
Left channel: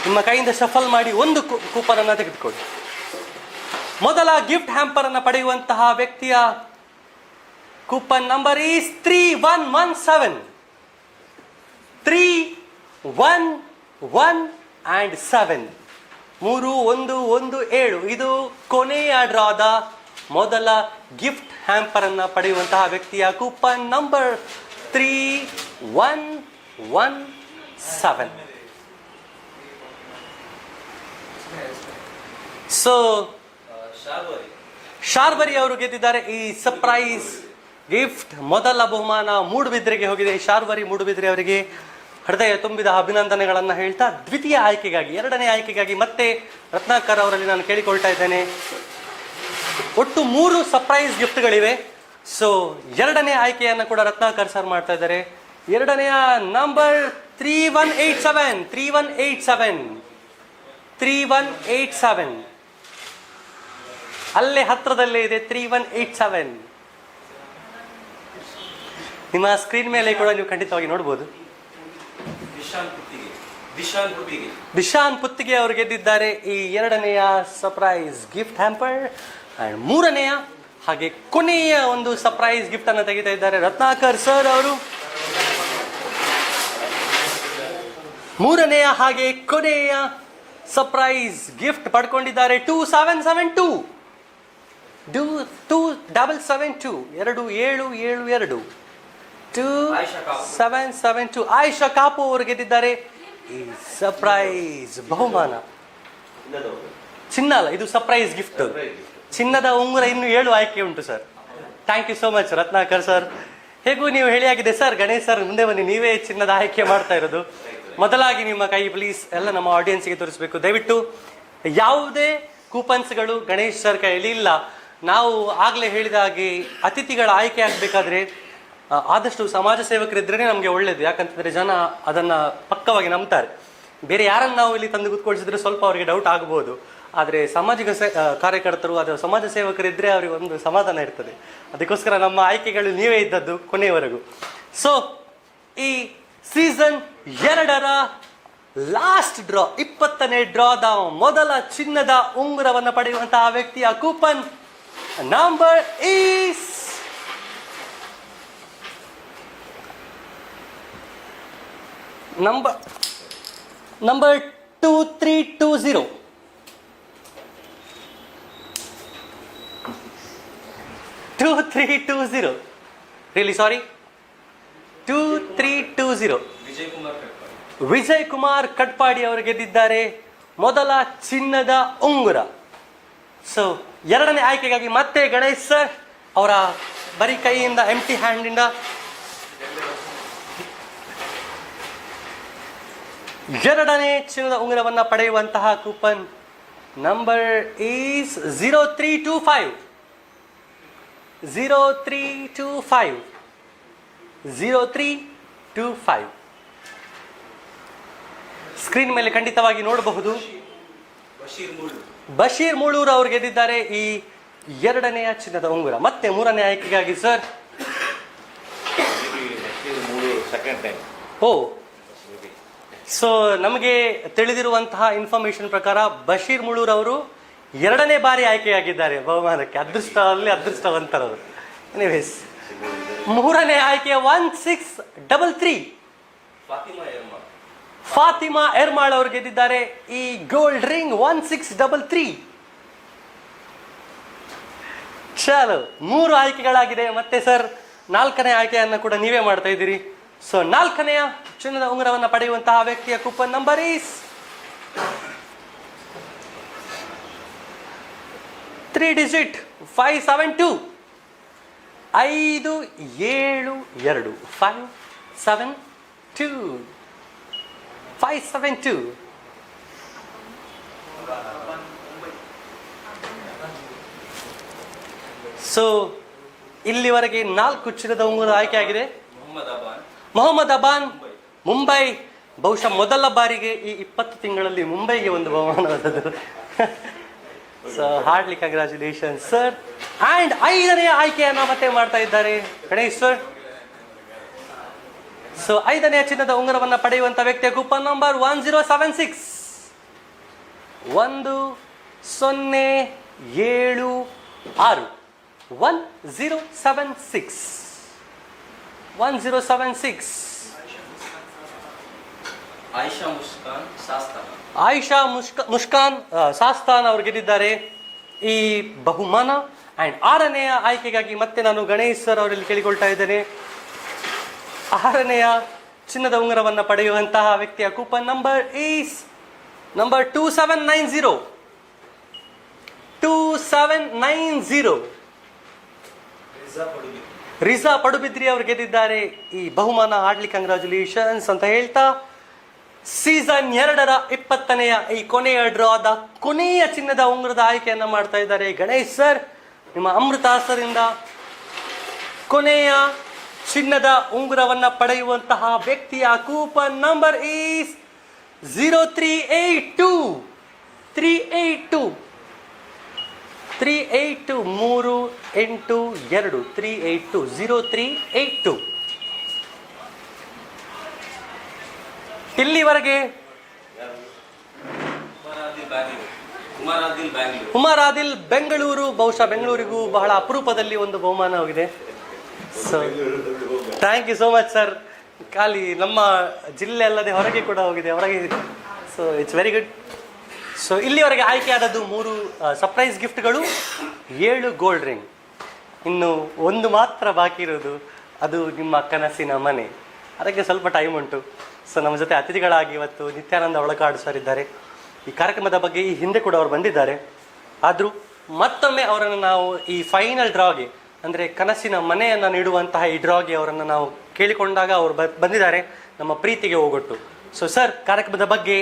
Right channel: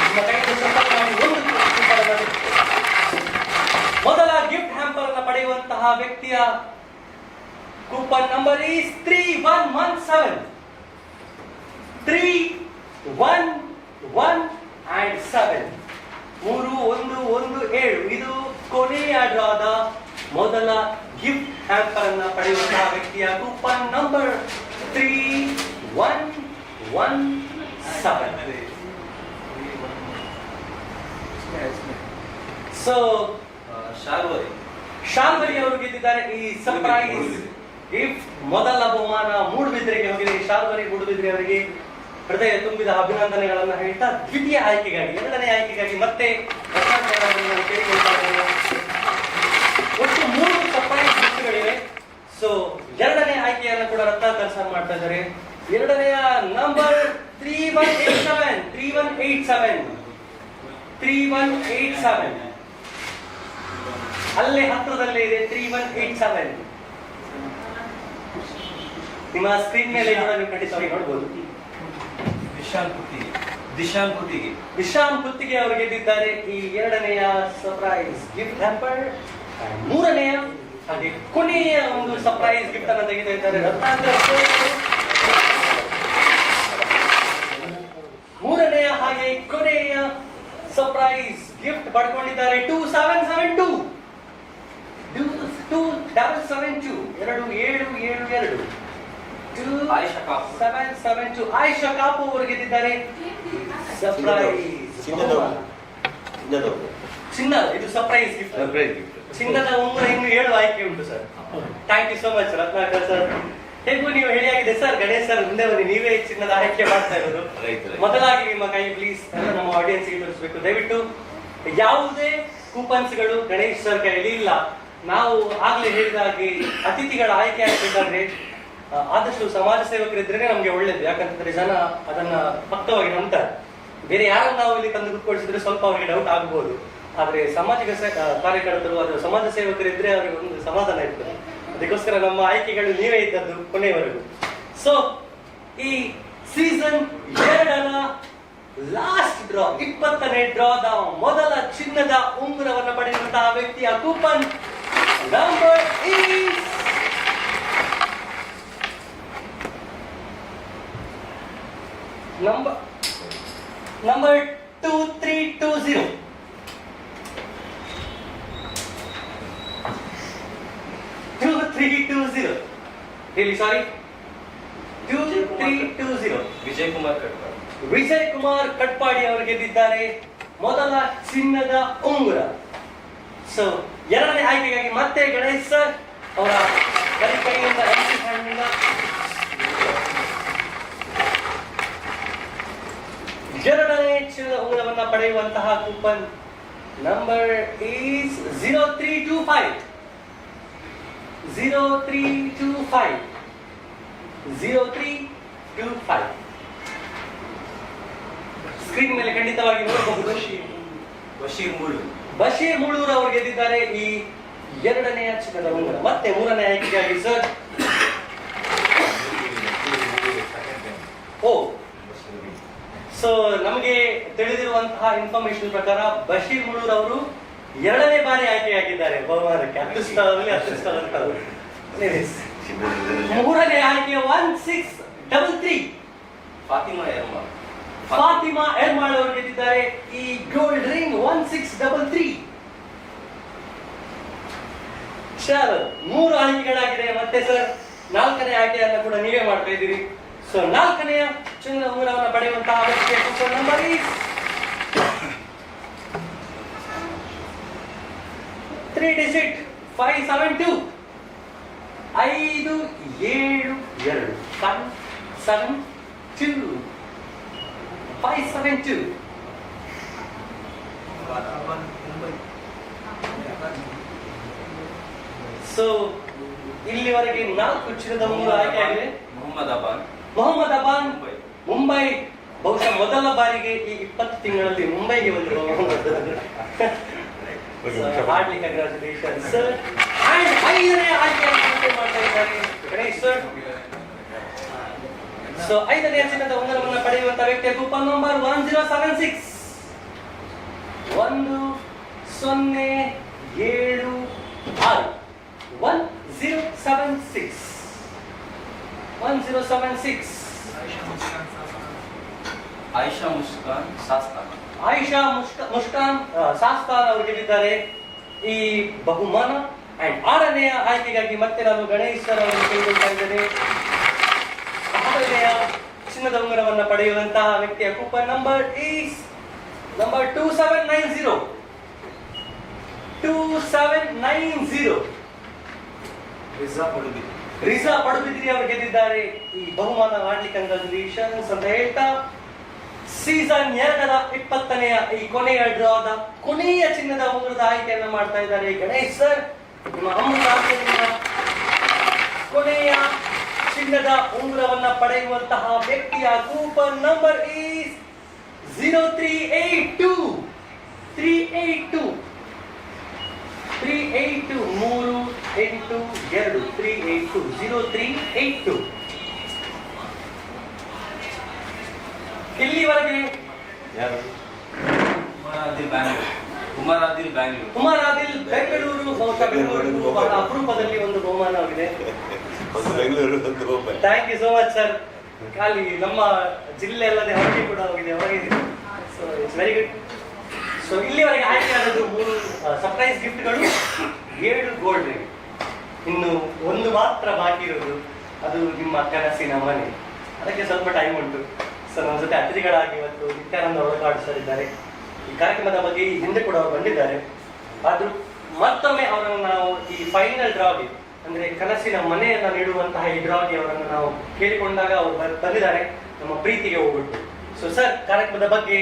ನಿಮ್ಮ ಕೈಯಿಂದ ಶಫಲ್ ಮಾಡಿ ಒಂದು ಕೂಪನ್ ಅನ್ನ ತೆಗೆದುಕೊಳ್ಳಿ. ಮೊದಲ ಗಿಫ್ಟ್ ಹ್ಯಾಂಪರ್ ಅನ್ನ ಪಡೆಯುವಂತಹ ವ್ಯಕ್ತಿಯ ಕೂಪನ್ ನಂಬರ್ ಈಸ್ 3117 311 and 7 3117. ಇದು ಕೊನೆಯ ಡ್ರಾದ ಮೊದಲ ಗಿಫ್ಟ್ ಹ್ಯಾಂಪರ್ ಅನ್ನ ಪಡೆಯುವಂತಹ ವ್ಯಕ್ತಿಯ ಕೂಪನ್ ನಂಬರ್ 3117. ಸೊ ಶಾರ್ವರಿ ಅವರು ಗೆದ್ದಿದ್ದಾರೆ ಈ ಸರ್ಪ್ರೈಸ್ ಗಿಫ್ಟ್. ಮೊದಲ ಬಹುಮಾನ ಮೂಡುಬಿದ್ರೆಗೆ ಹೋಗಿದೆ. ಶಾರ್ವರಿ ಮೂಡುಬಿದ್ರೆ ಅವರಿಗೆ ಹೃದಯ ತುಂಬಿದ ಅಭಿನಂದನೆಗಳನ್ನ ಹೇಳ್ತಾ, ದ್ವಿತೀಯ ಆಯ್ಕೆಗಾಗಿ, 2ನೇ ಆಯ್ಕೆಗಾಗಿ ಮತ್ತೆ ರತ್ನಾಕರ್ ಅವರಲ್ಲಿ ನಾನು ಕೇಳಿಕೊಳ್ತಾ ಇದ್ದೇನೆ. ಒಟ್ಟು 3 ಸರ್ಪ್ರೈಸ್ ಗಿಫ್ಟ್ಗಳಿವೆ. ಸೊ 2ನೇ ಆಯ್ಕೆಯನ್ನು ಕೂಡ ರತ್ನಾಕರ್ ಸರ್ ಮಾಡ್ತಾ ಇದ್ದಾರೆ. 2ನೇಯ ನಂಬರ್ 3187 ಅಲ್ಲೇ ಹತ್ರದಲ್ಲೇ ಇದೆ 3187. ನಿಮ್ಮ ಸ್ಕ್ರೀನ್ ಮೇಲೆ ಕೂಡ ನೀವು ಖಂಡಿತವಾಗಿ ನೋಡಬಹುದು. ದಿಶಾನ್ ಪುತ್ತಿಗೆ ಅವರು ಗೆದ್ದಿದ್ದಾರೆ ಈ 2ನೇಯ ಸರ್ಪ್ರೈಸ್ ಗಿಫ್ಟ್ ಹ್ಯಾಂಪರ್. 3ನೇಯ ಹಾಗೆ ಕೊನೆಯ ಒಂದು ಸರ್ಪ್ರೈಸ್ ಗಿಫ್ಟ್ ಅನ್ನು ತೆಗಿತಾ ಇದ್ದಾರೆ ರತ್ನಾಕರ್ ಸರ್ ಅವರು. 3ನೇಯ ಹಾಗೆ ಕೊನೆಯ ಸರ್ಪ್ರೈಸ್ ಗಿಫ್ಟ್ ಪಡ್ಕೊಂಡಿದ್ದಾರೆ 2772 2772 ಆಯಿಷಾ ಕಾಪು ಅವರು ಗೆದ್ದಿದ್ದಾರೆ ಸರ್ಪ್ರೈಸ್ ಬಹುಮಾನ. ಚಿನ್ನ, ಇದು ಸರ್ಪ್ರೈಸ್ ಗಿಫ್ಟ್. ಚಿನ್ನದ ಉಂಗುರ ಇನ್ನು 7 ಆಯ್ಕೆ ಉಂಟು sir. Thank you so much Ratnakar sir. ಹೇಗೂ ನೀವು ಹೇಳಿಯಾಗಿದೆ ಸರ್. ಗಣೇಶ್ ಸರ್ ಮುಂದೆ ಬನ್ನಿ, ನೀವೇ ಚಿನ್ನದ ಆಯ್ಕೆ ಮಾಡ್ತಾ ಇರೋದು. ಮೊದಲಾಗಿ ನಿಮ್ಮ ಕೈ ಪ್ಲೀಸ್ ಎಲ್ಲ ನಮ್ಮ ಆಡಿಯನ್ಸ್ಗೆ ತೋರಿಸಬೇಕು ದಯವಿಟ್ಟು. ಯಾವುದೇ ಕೂಪನ್ಸ್ಗಳು ಗಣೇಶ್ ಸರ್ ಕೈಯಲ್ಲಿ ಇಲ್ಲ. ನಾವು ಆಗ್ಲೇ ಹೇಳಿದ ಹಾಗೆ ಅತಿಥಿಗಳ ಆಯ್ಕೆ ಆಗಬೇಕಾದ್ರೆ ಆದಷ್ಟು ಸಮಾಜ ಸೇವಕರಿದ್ರೆ ನಮಗೆ ಒಳ್ಳೇದು. ಯಾಕಂತಂದ್ರೆ ಜನ ಅದನ್ನ ಪಕ್ಕವಾಗಿ ನಂಬ್ತಾರೆ. ಬೇರೆ ಯಾರನ್ನ ನಾವು ಇಲ್ಲಿ ತಂದು ಕೂತ್ಕೊಳಿಸಿದ್ರೆ ಸ್ವಲ್ಪ ಅವರಿಗೆ ಡೌಟ್ ಆಗ್ಬೋದು. ಆದ್ರೆ ಸಾಮಾಜಿಕ ಕಾರ್ಯಕರ್ತರು ಅಥವಾ ಸಮಾಜ ಸೇವಕರಿದ್ರೆ ಅವರಿಗೆ ಒಂದು ಸಮಾಧಾನ ಇರ್ತದೆ. ಅದಕ್ಕೋಸ್ಕರ ನಮ್ಮ ಆಯ್ಕೆಗಳು ನೀವೇ ಇದ್ದದ್ದು ಕೊನೆಯವರೆಗೂ. ಸೊ ಈ ಸೀಸನ್ 2ರ ಲಾಸ್ಟ್ ಡ್ರಾ, 20ನೇ ಡ್ರಾದ ಮೊದಲ ಚಿನ್ನದ ಉಂಗುರವನ್ನು ಪಡೆಯುವಂತಹ ವ್ಯಕ್ತಿಯ coupon number is number 2320. 2320. Really sorry. 2320. Vijay Kumar Katpadi ಅವರು ಗೆದ್ದಿದ್ದಾರೆ ಮೊದಲ ಚಿನ್ನದ ಉಂಗುರ. ಸೊ 2ನೇ ಆಯ್ಕೆಗಾಗಿ ಮತ್ತೆ ಗಣೇಶ್ ಸರ್ ಅವರ ಬರೀ ಕೈಯಿಂದ ಎಂಟಿ ಹ್ಯಾಂಡಿಂದ ಎರಡನೇ ಚಿನ್ನದ ಉಂಗುರವನ್ನ ಪಡೆಯುವಂತಹ ಕೂಪನ್ ನಂಬರ್ ಈಸ್ 0325 0325 0325. ಸ್ಕ್ರೀನ್ ಮೇಲೆ ಖಂಡಿತವಾಗಿ ನೋಡಬಹುದು. ಬಶೀರ್ ಮೂಳೂರು ಅವರು ಗೆದ್ದಿದ್ದಾರೆ ಈ ಎರಡನೆಯ ಚಿನ್ನದ ಉಂಗುರ. ಮತ್ತೆ ಮೂರನೇ ಆಯ್ಕೆಗಾಗಿ ಸರ್. ಓ, ಸೊ ನಮಗೆ ತಿಳಿದಿರುವಂತಹ ಇನ್ಫಾರ್ಮೇಶನ್ ಪ್ರಕಾರ ಬಶೀರ್ ಮುಳೂರ್ ಅವರು ಎರಡನೇ ಬಾರಿ ಆಯ್ಕೆಯಾಗಿದ್ದಾರೆ ಬಹುಮಾನಕ್ಕೆ. ಅದೃಷ್ಟವಂತರು. ಮೂರನೇ ಆಯ್ಕೆ 1633 ಫಾತಿಮಾ ಎರ್ಮಾಳ್ ಅವರು ಗೆದ್ದಿದ್ದಾರೆ ಈ ಗೋಲ್ಡ್ ರಿಂಗ್ 1633. ಚಲೋ, 3 ಆಯ್ಕೆಗಳಾಗಿದೆ. ಮತ್ತೆ ಸರ್, 4ನೇ ಆಯ್ಕೆಯನ್ನ ಕೂಡ ನೀವೇ ಮಾಡ್ತಾ ಇದ್ದೀರಿ. ಸೊ 4ನೆಯ ಚಿನ್ನದ ಉಂಗುರವನ್ನು ಪಡೆಯುವಂತಹ ವ್ಯಕ್ತಿಯ coupon number is 3 digit 572 572 572. So ಇಲ್ಲಿವರೆಗೆ 4 ಚಿನ್ನದ ಉಂಗುರ ಆಯ್ಕೆ ಆಗಿದೆ. ಮೊಹಮ್ಮದ್ ಅಬಾನ್ ಮುಂಬೈ, ಬಹುಶಃ ಮೊದಲ ಬಾರಿಗೆ ಈ 20 ತಿಂಗಳಲ್ಲಿ ಮುಂಬೈಗೆ ಒಂದು ಬಹುಮಾನ. Hardly congratulation sir. ಅಂಡ್ 5ನೇ ಆಯ್ಕೆಯನ್ನು ಮತ್ತೆ ಮಾಡ್ತಾ ಇದ್ದಾರೆ ಗಣೇಶ್ ಸರ್. ಸೊ 5ನೇ ಚಿನ್ನದ ಉಂಗುರವನ್ನು ಪಡೆಯುವಂತ ವ್ಯಕ್ತಿಯ ಕೂಪನ್ ನಂಬರ್ 1076 1076 1076. ಆಯಿಷಾ ಮುಷ್ಕಾನ್ ಸಾಸ್ತಾನ್ ಅವರು ಗೆದ್ದಿದ್ದಾರೆ ಈ ಬಹುಮಾನ. ಅಂಡ್ 6ನೆಯ ಆಯ್ಕೆಗಾಗಿ ಮತ್ತೆ ನಾನು ಗಣೇಶ್ ಸರ್ ಅವರಲ್ಲಿ ಕೇಳಿಕೊಳ್ತಾ ಇದ್ದೇನೆ. 6ನೆಯ ಚಿನ್ನದ ಉಂಗುರವನ್ನು ಪಡೆಯುವಂತಹ ವ್ಯಕ್ತಿಯ coupon number is number 2790 2790. Riza Padubidri ಅವರು ಗೆದ್ದಿದ್ದಾರೆ ಈ ಬಹುಮಾನ. ಹಾರ್ಡ್ಲಿ ಕಂಗ್ರಾಚುಲೇಷನ್ಸ್ ಅಂತ ಹೇಳ್ತಾ ಸೀಸನ್ 2ರ 20ನೆಯ ಈ ಕೊನೆಯ ಡ್ರಾದ ಕೊನೆಯ ಚಿನ್ನದ ಉಂಗುರದ ಆಯ್ಕೆಯನ್ನ ಮಾಡ್ತಾ ಇದ್ದಾರೆ ಗಣೇಶ್ ಸರ್. ನಿಮ್ಮ ಅಮೃತಾಸ್ತ್ರದಿಂದ ಕೊನೆಯ ಚಿನ್ನದ ಉಂಗುರವನ್ನ ಪಡೆಯುವಂತಹ ವ್ಯಕ್ತಿಯ ಕೂಪನ್ ನಂಬರ್ ಈಸ್ 0382 382 0382. ಇಲ್ಲಿವರೆಗೆ ಉಮರ್ ಆದಿಲ್ ಬೆಂಗಳೂರು, ಬಹುಶಃ ಬೆಂಗಳೂರಿಗೂ ಬಹಳ ಅಪರೂಪದಲ್ಲಿ ಒಂದು ಬಹುಮಾನವಾಗಿದೆ. Thank you so much sir. ಖಾಲಿ ನಮ್ಮ ಜಿಲ್ಲೆ ಅಲ್ಲದೆ ಹೊರಗೆ ಕೂಡ ಹೋಗಿದೆ, ಹೊರಗೆ. So it's very good. So ಇಲ್ಲಿವರೆಗೆ ಆಯ್ಕೆಯಾದದ್ದು 3 ಸರ್ಪ್ರೈಸ್ ಗಿಫ್ಟ್ಗಳು, 7 ಗೋಲ್ಡ್ ರಿಂಗ್. ಇನ್ನು ಒಂದು ಮಾತ್ರ ಬಾಕಿ ಇರೋದು, ಅದು ನಿಮ್ಮ ಕನಸಿನ ಮನೆ. ಅದಕ್ಕೆ ಸ್ವಲ್ಪ ಟೈಮ್ ಉಂಟು. ಸೊ ನಮ್ಮ ಜೊತೆ ಅತಿಥಿಗಳಾಗಿ ಇವತ್ತು ನಿತ್ಯಾನಂದ ಒಳಕಾಡು ಸರ್ ಇದ್ದಾರೆ. ಈ ಕಾರ್ಯಕ್ರಮದ ಬಗ್ಗೆ ಈ ಹಿಂದೆ ಕೂಡ ಅವರು ಬಂದಿದ್ದಾರೆ. ಆದರೂ ಮತ್ತೊಮ್ಮೆ ಅವರನ್ನು ನಾವು ಈ ಫೈನಲ್ ಡ್ರಾಗೆ, ಅಂದರೆ ಕನಸಿನ ಮನೆಯನ್ನು ನೀಡುವಂತಹ ಈ ಡ್ರಾಗೆ ಅವರನ್ನು ನಾವು ಕೇಳಿಕೊಂಡಾಗ ಅವರು ಬಂದಿದ್ದಾರೆ ನಮ್ಮ ಪ್ರೀತಿಗೆ ಹೋಗೊಟ್ಟು. ಸೊ ಸರ್, ಕಾರ್ಯಕ್ರಮದ ಬಗ್ಗೆ,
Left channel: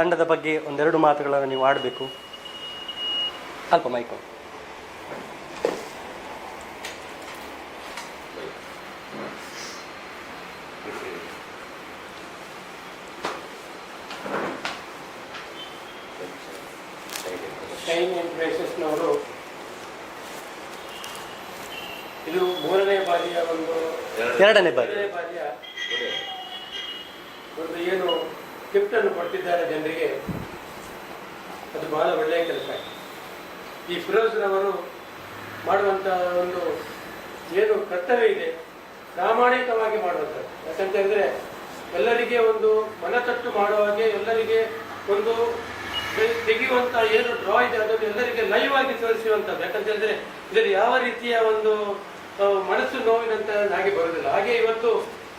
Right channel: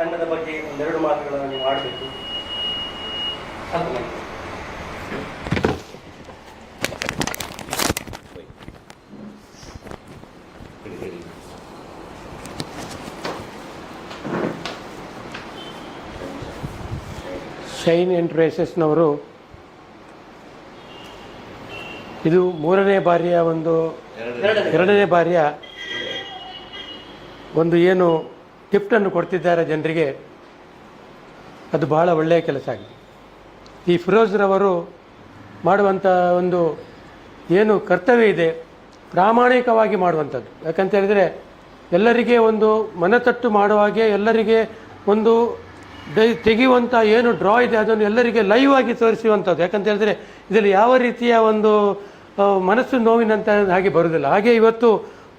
ತಂಡದ ಬಗ್ಗೆ ಒಂದೆರಡು ಮಾತುಗಳನ್ನು ನೀವು ಆಡಬೇಕು. ಅಲ್ಪ ಮಾಹಿತಿ. ಶೈನ್ ಎಂಟರ್ಪ್ರೈಸಸ್ನವರು ಇದು 3ನೇ ಬಾರಿಯ ಎರಡನೇ ಬಾರಿಯ ಒಂದು ಏನು ಗಿಫ್ಟನ್ನು ಕೊಡ್ತಿದ್ದಾರೆ ಜನರಿಗೆ, ಅದು ಬಹಳ ಒಳ್ಳೆಯ ಕೆಲಸ ಆಗಿದೆ. ಈ ಫಿರೋಜ್ರವರು ಮಾಡುವಂಥ ಒಂದು ಏನು ಕರ್ತವ್ಯ ಇದೆ, ಪ್ರಾಮಾಣಿಕವಾಗಿ ಮಾಡುವಂಥದ್ದು. ಯಾಕಂತ ಹೇಳಿದರೆ ಎಲ್ಲರಿಗೆ ಒಂದು ಮನತಟ್ಟು ಮಾಡುವಾಗೆ, ಎಲ್ಲರಿಗೆ ಒಂದು ತೆಗೆಯುವಂಥ ಏನು ಡ್ರಾ ಇದೆ ಅದನ್ನು ಎಲ್ಲರಿಗೆ ಲೈವ್ ಆಗಿ ತೋರಿಸುವಂಥದ್ದು. ಯಾಕಂತ ಹೇಳಿದರೆ ಇದರಲ್ಲಿ ಯಾವ ರೀತಿಯ ಒಂದು ಮನಸ್ಸು ನೋವಿನಂತ ಹಾಗೆ ಬರುವುದಿಲ್ಲ. ಹಾಗೆ ಇವತ್ತು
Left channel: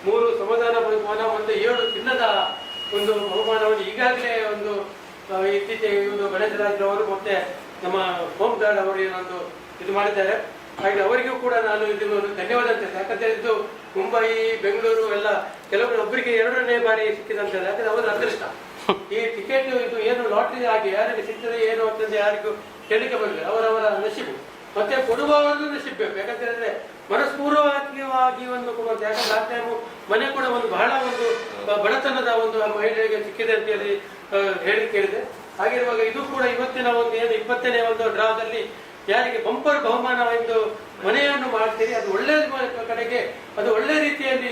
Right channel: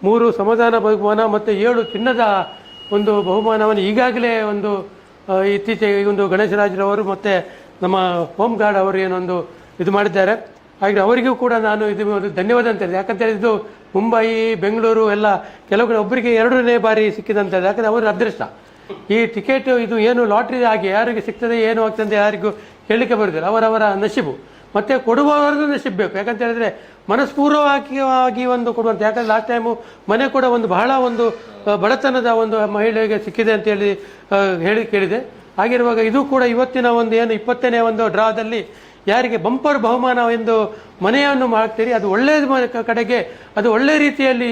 3 ಸಮಾಧಾನ ಬಹುಮಾನ ಮತ್ತು 7 ಚಿನ್ನದ ಒಂದು ಬಹುಮಾನವನ್ನು ಈಗಾಗಲೇ ಒಂದು ಇತ್ತೀಚೆಗೆ ಒಂದು ಗಣೇಶರಾಜ್ರವರು ಮತ್ತು ನಮ್ಮ ಹೋಮ್ ಗಾರ್ಡ್ ಅವರು ಏನೊಂದು ಇದು ಮಾಡಿದ್ದಾರೆ. ಹಾಗೆ ಅವರಿಗೂ ಕೂಡ ನಾನು ಇದು ಧನ್ಯವಾದ ಅಂತ ಹೇಳಿದೆ. ಯಾಕಂತ ಇದು ಮುಂಬೈ, ಬೆಂಗಳೂರು ಎಲ್ಲ ಕೆಲವು ಒಬ್ಬರಿಗೆ 2ನೇ ಬಾರಿ ಸಿಕ್ಕಿದಂಥದ್ದು. ಯಾಕಂದರೆ ಅವರು ಅದೃಷ್ಟ. ಈ ಟಿಕೆಟ್ ಇದು ಏನು ಲಾಟ್ರಿ ಆಗಿ ಯಾರಿಗೆ ಸಿಗ್ತದೆ ಏನು ಅಂತ ಯಾರಿಗೂ ಹೇಳಲಿಕ್ಕೆ ಬರುದಿಲ್ಲ. ಅವರವರ ನಶೀಬು ಮತ್ತೆ ಕೊಡುವವರದ್ದು ನಶೀಬ್ ಬೇಕು. ಯಾಕಂತ ಹೇಳಿದ್ರೆ ಮನಸ್ಪೂರ್ವವಾಗಿ ಒಂದು ಕೊಡುವಂಥ. ಯಾಕಂದ್ರೆ ಲಾಸ್ಟ್ ಟೈಮು ಮನೆ ಕೂಡ ಒಂದು ಬಹಳ ಒಂದು ಬಡತನದ ಒಂದು ಮಹಿಳೆಗೆ ಸಿಕ್ಕಿದೆ ಅಂತ ಹೇಳಿ ಕೇಳಿದೆ. ಹಾಗಿರುವಾಗ ಇದು ಕೂಡ ಇವತ್ತಿನ ಒಂದು ಏನು 20ನೇ ಒಂದು ಡ್ರಾದಲ್ಲಿ ಯಾರಿಗೆ ಬಂಪರ್ ಬಹುಮಾನವೆಂದು ಮನೆಯನ್ನು ಮಾಡ್ತೀರಿ ಅದು ಒಳ್ಳೆಯ ಕಡೆಗೆ ಅದು ಒಳ್ಳೆ ರೀತಿಯಲ್ಲಿ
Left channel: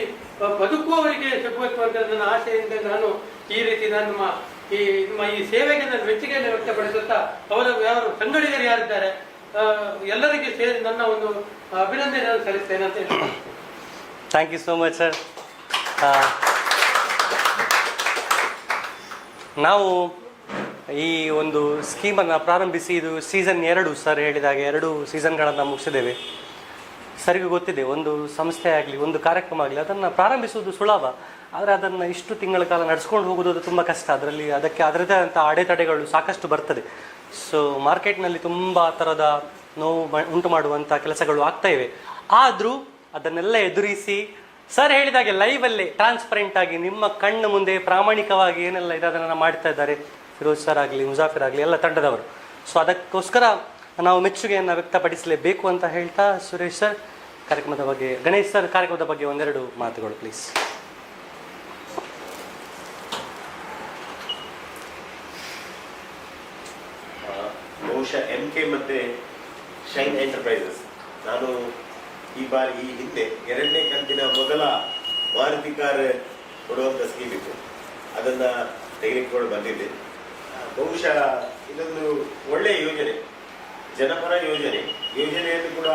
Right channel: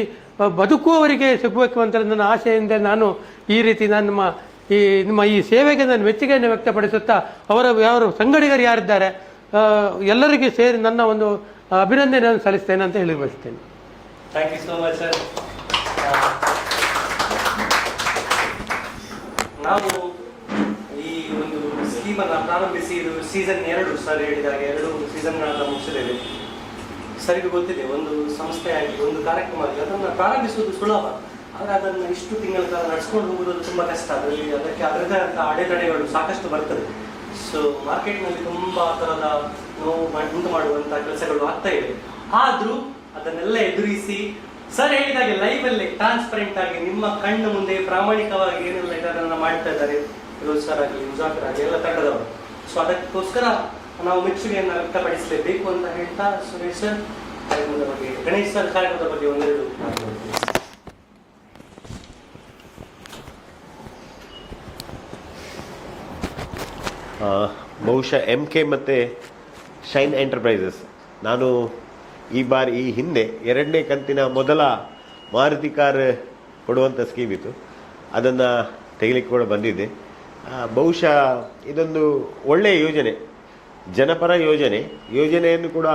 ಬದುಕುವವರಿಗೆ ಸಿಗಬೇಕು ಅಂತ ನನ್ನ ಆಶೆಯಿಂದ ನಾನು ಈ ರೀತಿ ನಿಮ್ಮ ಈ ಸೇವೆಗೆ ನಾನು ಮೆಚ್ಚುಗೆಯನ್ನು ವ್ಯಕ್ತಪಡಿಸುತ್ತಾ ಅವರ ಸಂಗಡಿಗರು ಯಾರಿದ್ದಾರೆ ಎಲ್ಲರಿಗೂ ಸೇರಿ ನನ್ನ ಒಂದು ಅಭಿನಂದನೆಯನ್ನು ಸಲ್ಲಿಸ್ತೇನೆ ಅಂತ ಹೇಳಿ ಬರ್ತೇನೆ. Thank you so much sir. ನಾವು ಈ ಒಂದು ಸ್ಕೀಮನ್ನು ಪ್ರಾರಂಭಿಸಿ ಇದು ಸೀಸನ್ 2 ಸರ್ ಹೇಳಿದಾಗೆ 2 ಸೀಸನ್ಗಳನ್ನು ಮುಗಿಸಿದ್ದೇವೆ. ಸರಿಗೂ ಗೊತ್ತಿದೆ, ಒಂದು ಸಂಸ್ಥೆ ಆಗಲಿ ಒಂದು ಕಾರ್ಯಕ್ರಮ ಆಗಲಿ ಅದನ್ನು ಪ್ರಾರಂಭಿಸುವುದು ಸುಲಭ, ಆದರೆ ಅದನ್ನು ಇಷ್ಟು ತಿಂಗಳ ಕಾಲ ನಡೆಸ್ಕೊಂಡು ಹೋಗೋದು ಅದು ತುಂಬ ಕಷ್ಟ. ಅದಕ್ಕೆ ಅದರದೇ ಆದ ಅಡೆತಡೆಗಳು ಸಾಕಷ್ಟು ಬರ್ತದೆ. ಸೊ ಮಾರ್ಕೆಟ್ನಲ್ಲಿ ತುಂಬ ಥರದ ನೋವು ಉಂಟು ಮಾಡುವಂಥ ಕೆಲಸಗಳು ಆಗ್ತಾ ಇವೆ. ಆದರೂ ಅದನ್ನೆಲ್ಲ ಎದುರಿಸಿ ಸರ್ ಹೇಳಿದಾಗೆ ಲೈವಲ್ಲೇ ಟ್ರಾನ್ಸ್ಪರೆಂಟ್ ಆಗಿ ನಿಮ್ಮ ಕಣ್ಣು ಮುಂದೆ ಪ್ರಾಮಾಣಿಕವಾಗಿ ಏನೆಲ್ಲ ಇದನ್ನು ಮಾಡ್ತಾ ಇದ್ದಾರೆ ಫಿರೋಜ್ ಸರ್ ಆಗಲಿ, ಮುಜಾಫಿರ್ ಆಗಲಿ, ಎಲ್ಲ ತಂಡದವರು. ಸೊ ಅದಕ್ಕೋಸ್ಕರ ನಾವು ಮೆಚ್ಚುಗೆಯನ್ನು ವ್ಯಕ್ತಪಡಿಸಲೇಬೇಕು ಅಂತ ಹೇಳ್ತಾ ಸುರೇಶ್ ಸರ್ ಕಾರ್ಯಕ್ರಮದ ಬಗ್ಗೆ, ಗಣೇಶ್ ಸರ್ ಕಾರ್ಯಕ್ರಮದ ಬಗ್ಗೆ ಒಂದೆರಡು ಮಾತುಗಳು ಪ್ಲೀಸ್. ಬಹುಶಃ MK ಮತ್ತು ಶೈನ್ ಎಂಟರ್ಪ್ರೈಸಸ್ ನಾನು ಈ ಹಿಂದೆ 2ನೇ ಕಂತಿನ ಮೊದಲ ಮಾರುತಿ ಕಾರ್ ಕೊಡುವಂಥ ಸ್ಕೀಮ್ ಇತ್ತು, ಅದನ್ನು ತೆಗಿಲಿಕ್ಕೆ ಕೂಡ ಬಂದಿದ್ದೆ. ಬಹುಶಃ ಇದೊಂದು ಒಳ್ಳೆಯ ಯೋಜನೆ, ಜನಪರ ಯೋಜನೆಯನ್ನು ಕೂಡ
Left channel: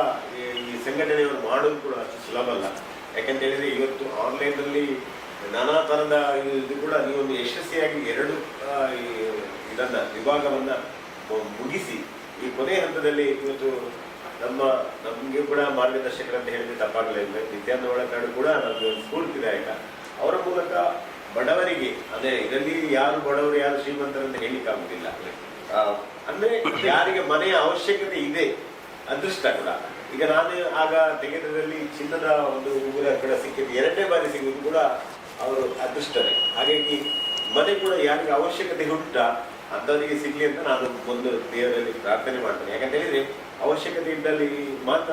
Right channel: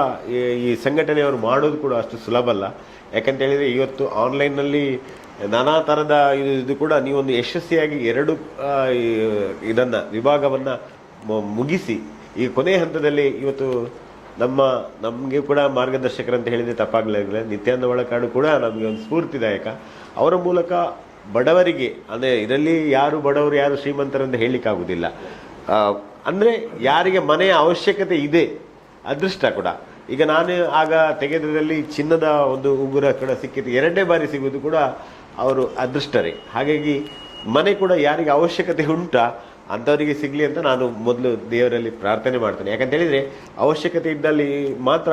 ಈ ಸಂಘಟನೆಯವರು ಮಾಡೋದು ಕೂಡ ಅಷ್ಟು ಸುಲಭ ಅಲ್ಲ. ಯಾಕಂತ ಹೇಳಿದರೆ ಇವತ್ತು ಆನ್ಲೈನ್ನಲ್ಲಿ ನಾನಾ ಥರದ ಇದು ಕೂಡ ನೀವೊಂದು ಯಶಸ್ವಿಯಾಗಿ 2 ವಿಭಾಗವನ್ನು ಮುಗಿಸಿ ಈ ಕೊನೆಯ ಹಂತದಲ್ಲಿ ಇವತ್ತು ನಮಗೆ ಕೂಡ ಮಾರ್ಗದರ್ಶಕರಂತ ಹೇಳಿದರೆ ತಪ್ಪಾಗಲಿಲ್ಲ. ನಿತ್ಯಾನಂದ ಒಳಕಾಡು ಕೂಡ ನಮಗೆ ಒಂದು ಸ್ಫೂರ್ತಿದಾಯಕ. ಅವರ ಮೂಲಕ ಬಡವರಿಗೆ, ಅಂದರೆ ಇದರಲ್ಲಿ ಯಾರು ಬಡವರು ಯಾರು ಶ್ರೀಮಂತರಂತ ಹೇಳಲಿಕ್ಕಾಗುವುದಿಲ್ಲ. ಅಂದರೆ ಯಾರಿಗೆ ಮನೆಯ ಅವಶ್ಯಕತೆ ಇದೆ, ಅದೃಷ್ಟ ಕೂಡ. ಈಗ ನಾನು ಆಗ ತೆಗೆದ್ರಲ್ಲಿ ಚಿನ್ನದ ಒಂದು ಉಂಗುರ ಕೂಡ ಸಿಕ್ಕಿತ್ತು, 2ನೇ ಬಾರಿ ಸಿಗುವುದು ಕೂಡ ಅವರು ಅದೃಷ್ಟರೇ. ಹಾಗಾಗಿ ಮನೆ ಕೂಡ ಯಾರಿಗೆ ಅವಶ್ಯಕತೆ ಉಂಟಾ ಅಂಥವರಿಗೆ ಸಿಗಲಿ ಅಂತ ನಾನು ಮೊದಲು ದೇವರಲ್ಲಿ ಪ್ರಾರ್ಥನೆ ಮಾಡ್ತೇನೆ. ಯಾಕಂತ ಹೇಳಿದರೆ ಅವಶ್ಯಕತೆ ಇದ್ದಲ್ಲಿ ಮಾತ್ರ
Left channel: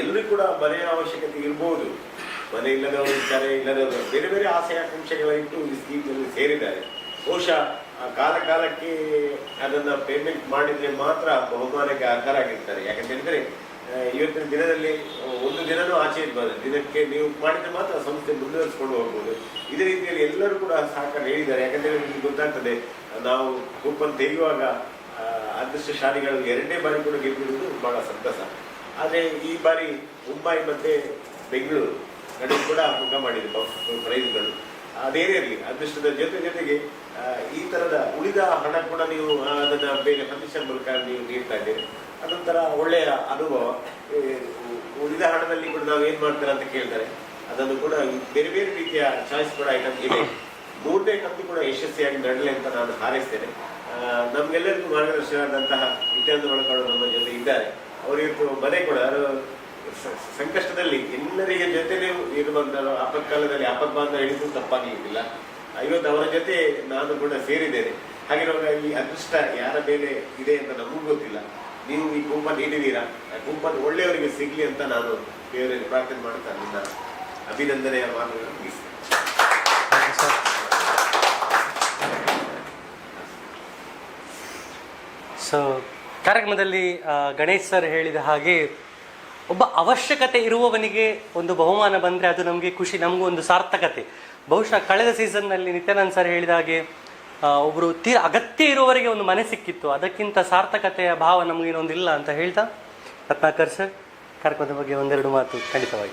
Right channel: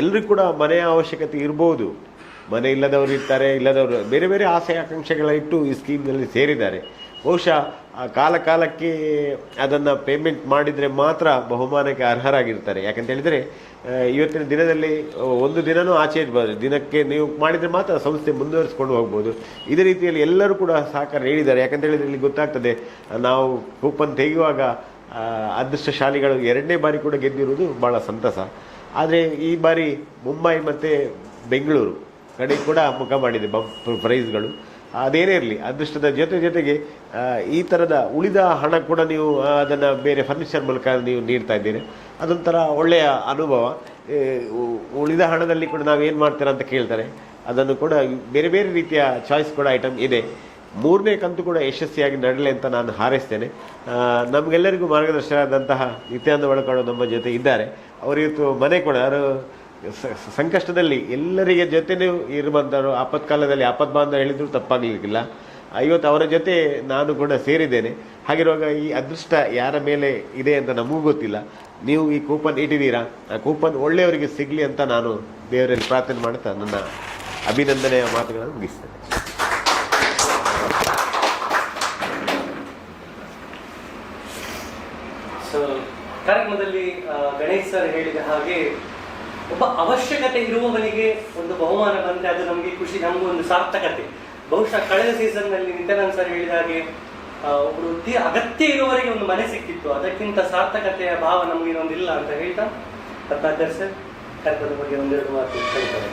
ಎಲ್ಲರಿಗೂ ಕೂಡ ಮನೆಯ ಅವಶ್ಯಕತೆ ಇರ್ಬೋದು. ಮನೆ ಇಲ್ಲದವರು ಇರ್ತಾರೆ, ಇಲ್ಲದವರು ಬೇರೆ ಬೇರೆ ಆಸೆ ಆಕಾಂಕ್ಷೆಗಳ ಇಟ್ಟು ಈ ಸ್ಕೀಮ್ನಲ್ಲಿ ಸೇರಿದ್ದಾರೆ. ಬಹುಶಃ ಕಾಲಕ್ಕೆ ಅದನ್ನು ಪೇಮೆಂಟ್ ಮಾಡಿದರೆ ಮಾತ್ರ ಬಹುಮಾನಕ್ಕೆ ಅರ್ಹರಾಗಿರ್ತಾರೆ. ಯಾಕಂತ ಹೇಳಿದರೆ ಇವತ್ತಿನ ದಿನದಲ್ಲಿ ಒಂದು ದಿನವೂ ಆಚೆ ಇರಬಾರ್ದು, ದಿನಕ್ಕೆ ನೀವು ಮಾಡಿದರೆ ಮಾತ್ರ ಸಂಸ್ಥೆ ಮುಂದುವರಿಸ್ಕೊಂಡು ಹೋಗ್ಬೋದು. ಇದೇ ರೀತಿಯಲ್ಲಿ ಎಲ್ಲರೂ ಕೂಡ ಸಹಕಾರ ನೀಡಿದ್ದಾರೆ. ಯಾಕಂತ ಹೇಳಿದ್ರೆ ಇಲ್ಲಿ ಗೊತ್ತಾಗ್ತದೆ, ನಾವು ಕೂಪನ್ ತೆಗೆಯುವಾಗ ಅದೃಷ್ಟಶಾಲಿಗಳು 2ನೇ ಬಾರಿ ಕೂಡ ಗೆದ್ದಿರುವುದು ಭಾಳ ಸಂತಸ. ಆದರೆ ಈ ಬಾರಿ ಮುಂಬೈ ಮತ್ತು ಬೆಂಗಳೂರು ಕಡೆ ಕೂಡ ಮುಖ ಮಾಡಿದೆ ಪ್ರೈಸ್ಗಳು. ಅದೇನೇ ಇರಲಿ, ಅದೃಷ್ಟದ ಜೊತೆಗೆ ಈ ಥರದ ಉಳಿದ ಹಣ ಕೂಡ ನೀವು ಅದನ್ನು ಬೇರೆ ಫರ್ನಿಚರ್ ಮೂಲಕ ನೀವು ನೀಡ್ತಾ ಇದ್ದೀರಿ, ಅದೊಂಥರ ಒಳ್ಳೆಯ ಅನುಭವ. ಉಳಿದ ಹಣದಲ್ಲಿ ಕೂಡ ನಾವು ಏನು ಮಾಡ್ತೀರಾ ಅಂತ ಕೇಳ್ತಾರೆ, ಅದನ್ನು ಕೂಡ ಬೇರೆ ಬೇರೆ ರೀತಿಯ ಚಾಯ್ಸ್ ಕೂಡ ಐಟಮ್ ಇದೆ. 3ನೇ ಕಂತು ಕೂಡ ಯಶಸ್ವಿಯಾಗಿ ನಡೆಯಲಿ ಅಂತ ನಾನು ಹಾರೈಸ್ತೇನೆ. ನಮಗೆಲ್ಲರಿಗೂ ಮಾರ್ಗದರ್ಶಕರಾದಂತಹ ನಿತ್ಯಾನಂದ ಒಳಕಾಡು ನಮ್ಮ ಜೊತೆ ಇದ್ದಾರೆ. ಅವರಿವತ್ತು ಮನೆ ಕೂಡ ಅವರು ಸಂಕಷ್ಟದಲ್ಲಿ ಎಲ್ಲರಿಗೆ ಜೊತೆನೇ ಇರುವಂಥವ್ರು, ಆಪತ್ಕಾಲದಲ್ಲಿ ಆಪದ್ಬಾಂಧ ಹೇಳಿದ್ರು ತಪ್ಪಾಗಲಿಕ್ಕಿಲ್ಲ. ಇವತ್ತು ಅವರ ಜೊತೆ ನಾನು ಕೂಡ ಸೇರಿದ್ದೇನೆ. ಹಾಗಿರುವಾಗ ಈ ಅದೃಷ್ಟ ಯಾರ ಮೇಲೆ ಇದೆ ಅಂತ ನಮಗೂ ಗೊತ್ತಿಲ್ಲ. ನೀವು ಈ ಕೂಪನ್ ಇಟ್ಟಿದ್ದೀರಾ, ಆ ಕೂಪನ್ ಒಳ್ಳೆಯವರಿಗೆ ಸಿಗಲಿ ಅಂತ ನಾನು ದೇವರಲ್ಲಿ ಪ್ರಾರ್ಥನೆ ಮಾಡುತ್ತಾ ನನ್ನ ಅಭಿನಂದನೆಯ ಮಾತುಗಳನ್ನು ಮುಗಿಸ್ತೇನೆ. ಸೊ ಕಾರ್ಯಕ್ರಮದಲ್ಲಿ ಗಣೇಶ್ ಸರ್ ಹೇಳಿದ ಹಾಗೆ ಒಬ್ಬ ಅವಶ್ಯಕತೆ ಇರುವವನಿಗೆ ಒಂದು ಬಹುಮಾನ ಬಂದರೆ ಅದು ನಮಗೆ ಖುಷಿ, ನಮಗೂ ಒಂದು ಸಾರ್ಥಕತೆ. ಬಹುಶಃ ಕಳೆದ ಸೀಸನ್ನಲ್ಲಿ ನಿತ್ಯಾನಂದ ಸರ್ ಹೇಳಿದ ಹಾಗೆ ಒಬ್ಬರು ಅಗತ್ಯ ಇರುವವರಿಗೆ ಒಂದು ಮನೆ ಸಿಕ್ಕಿತ್ತು, ಅದಕ್ಕಿಂತ ಸಾರ್ಥಕತೆಯ ಭಾವ ನಮಗೆ ಇನ್ನೊಂದಿಲ್ಲ ಅಂತ ಹೇಳ್ತಾ ರತ್ನಾಕರ್ ಸರ್ ಕಾರ್ಯಕ್ರಮದ ಬಗ್ಗೆ ಒಂದೆರಡು ಮಾತು ಹೇಳ್ತಾರೆ.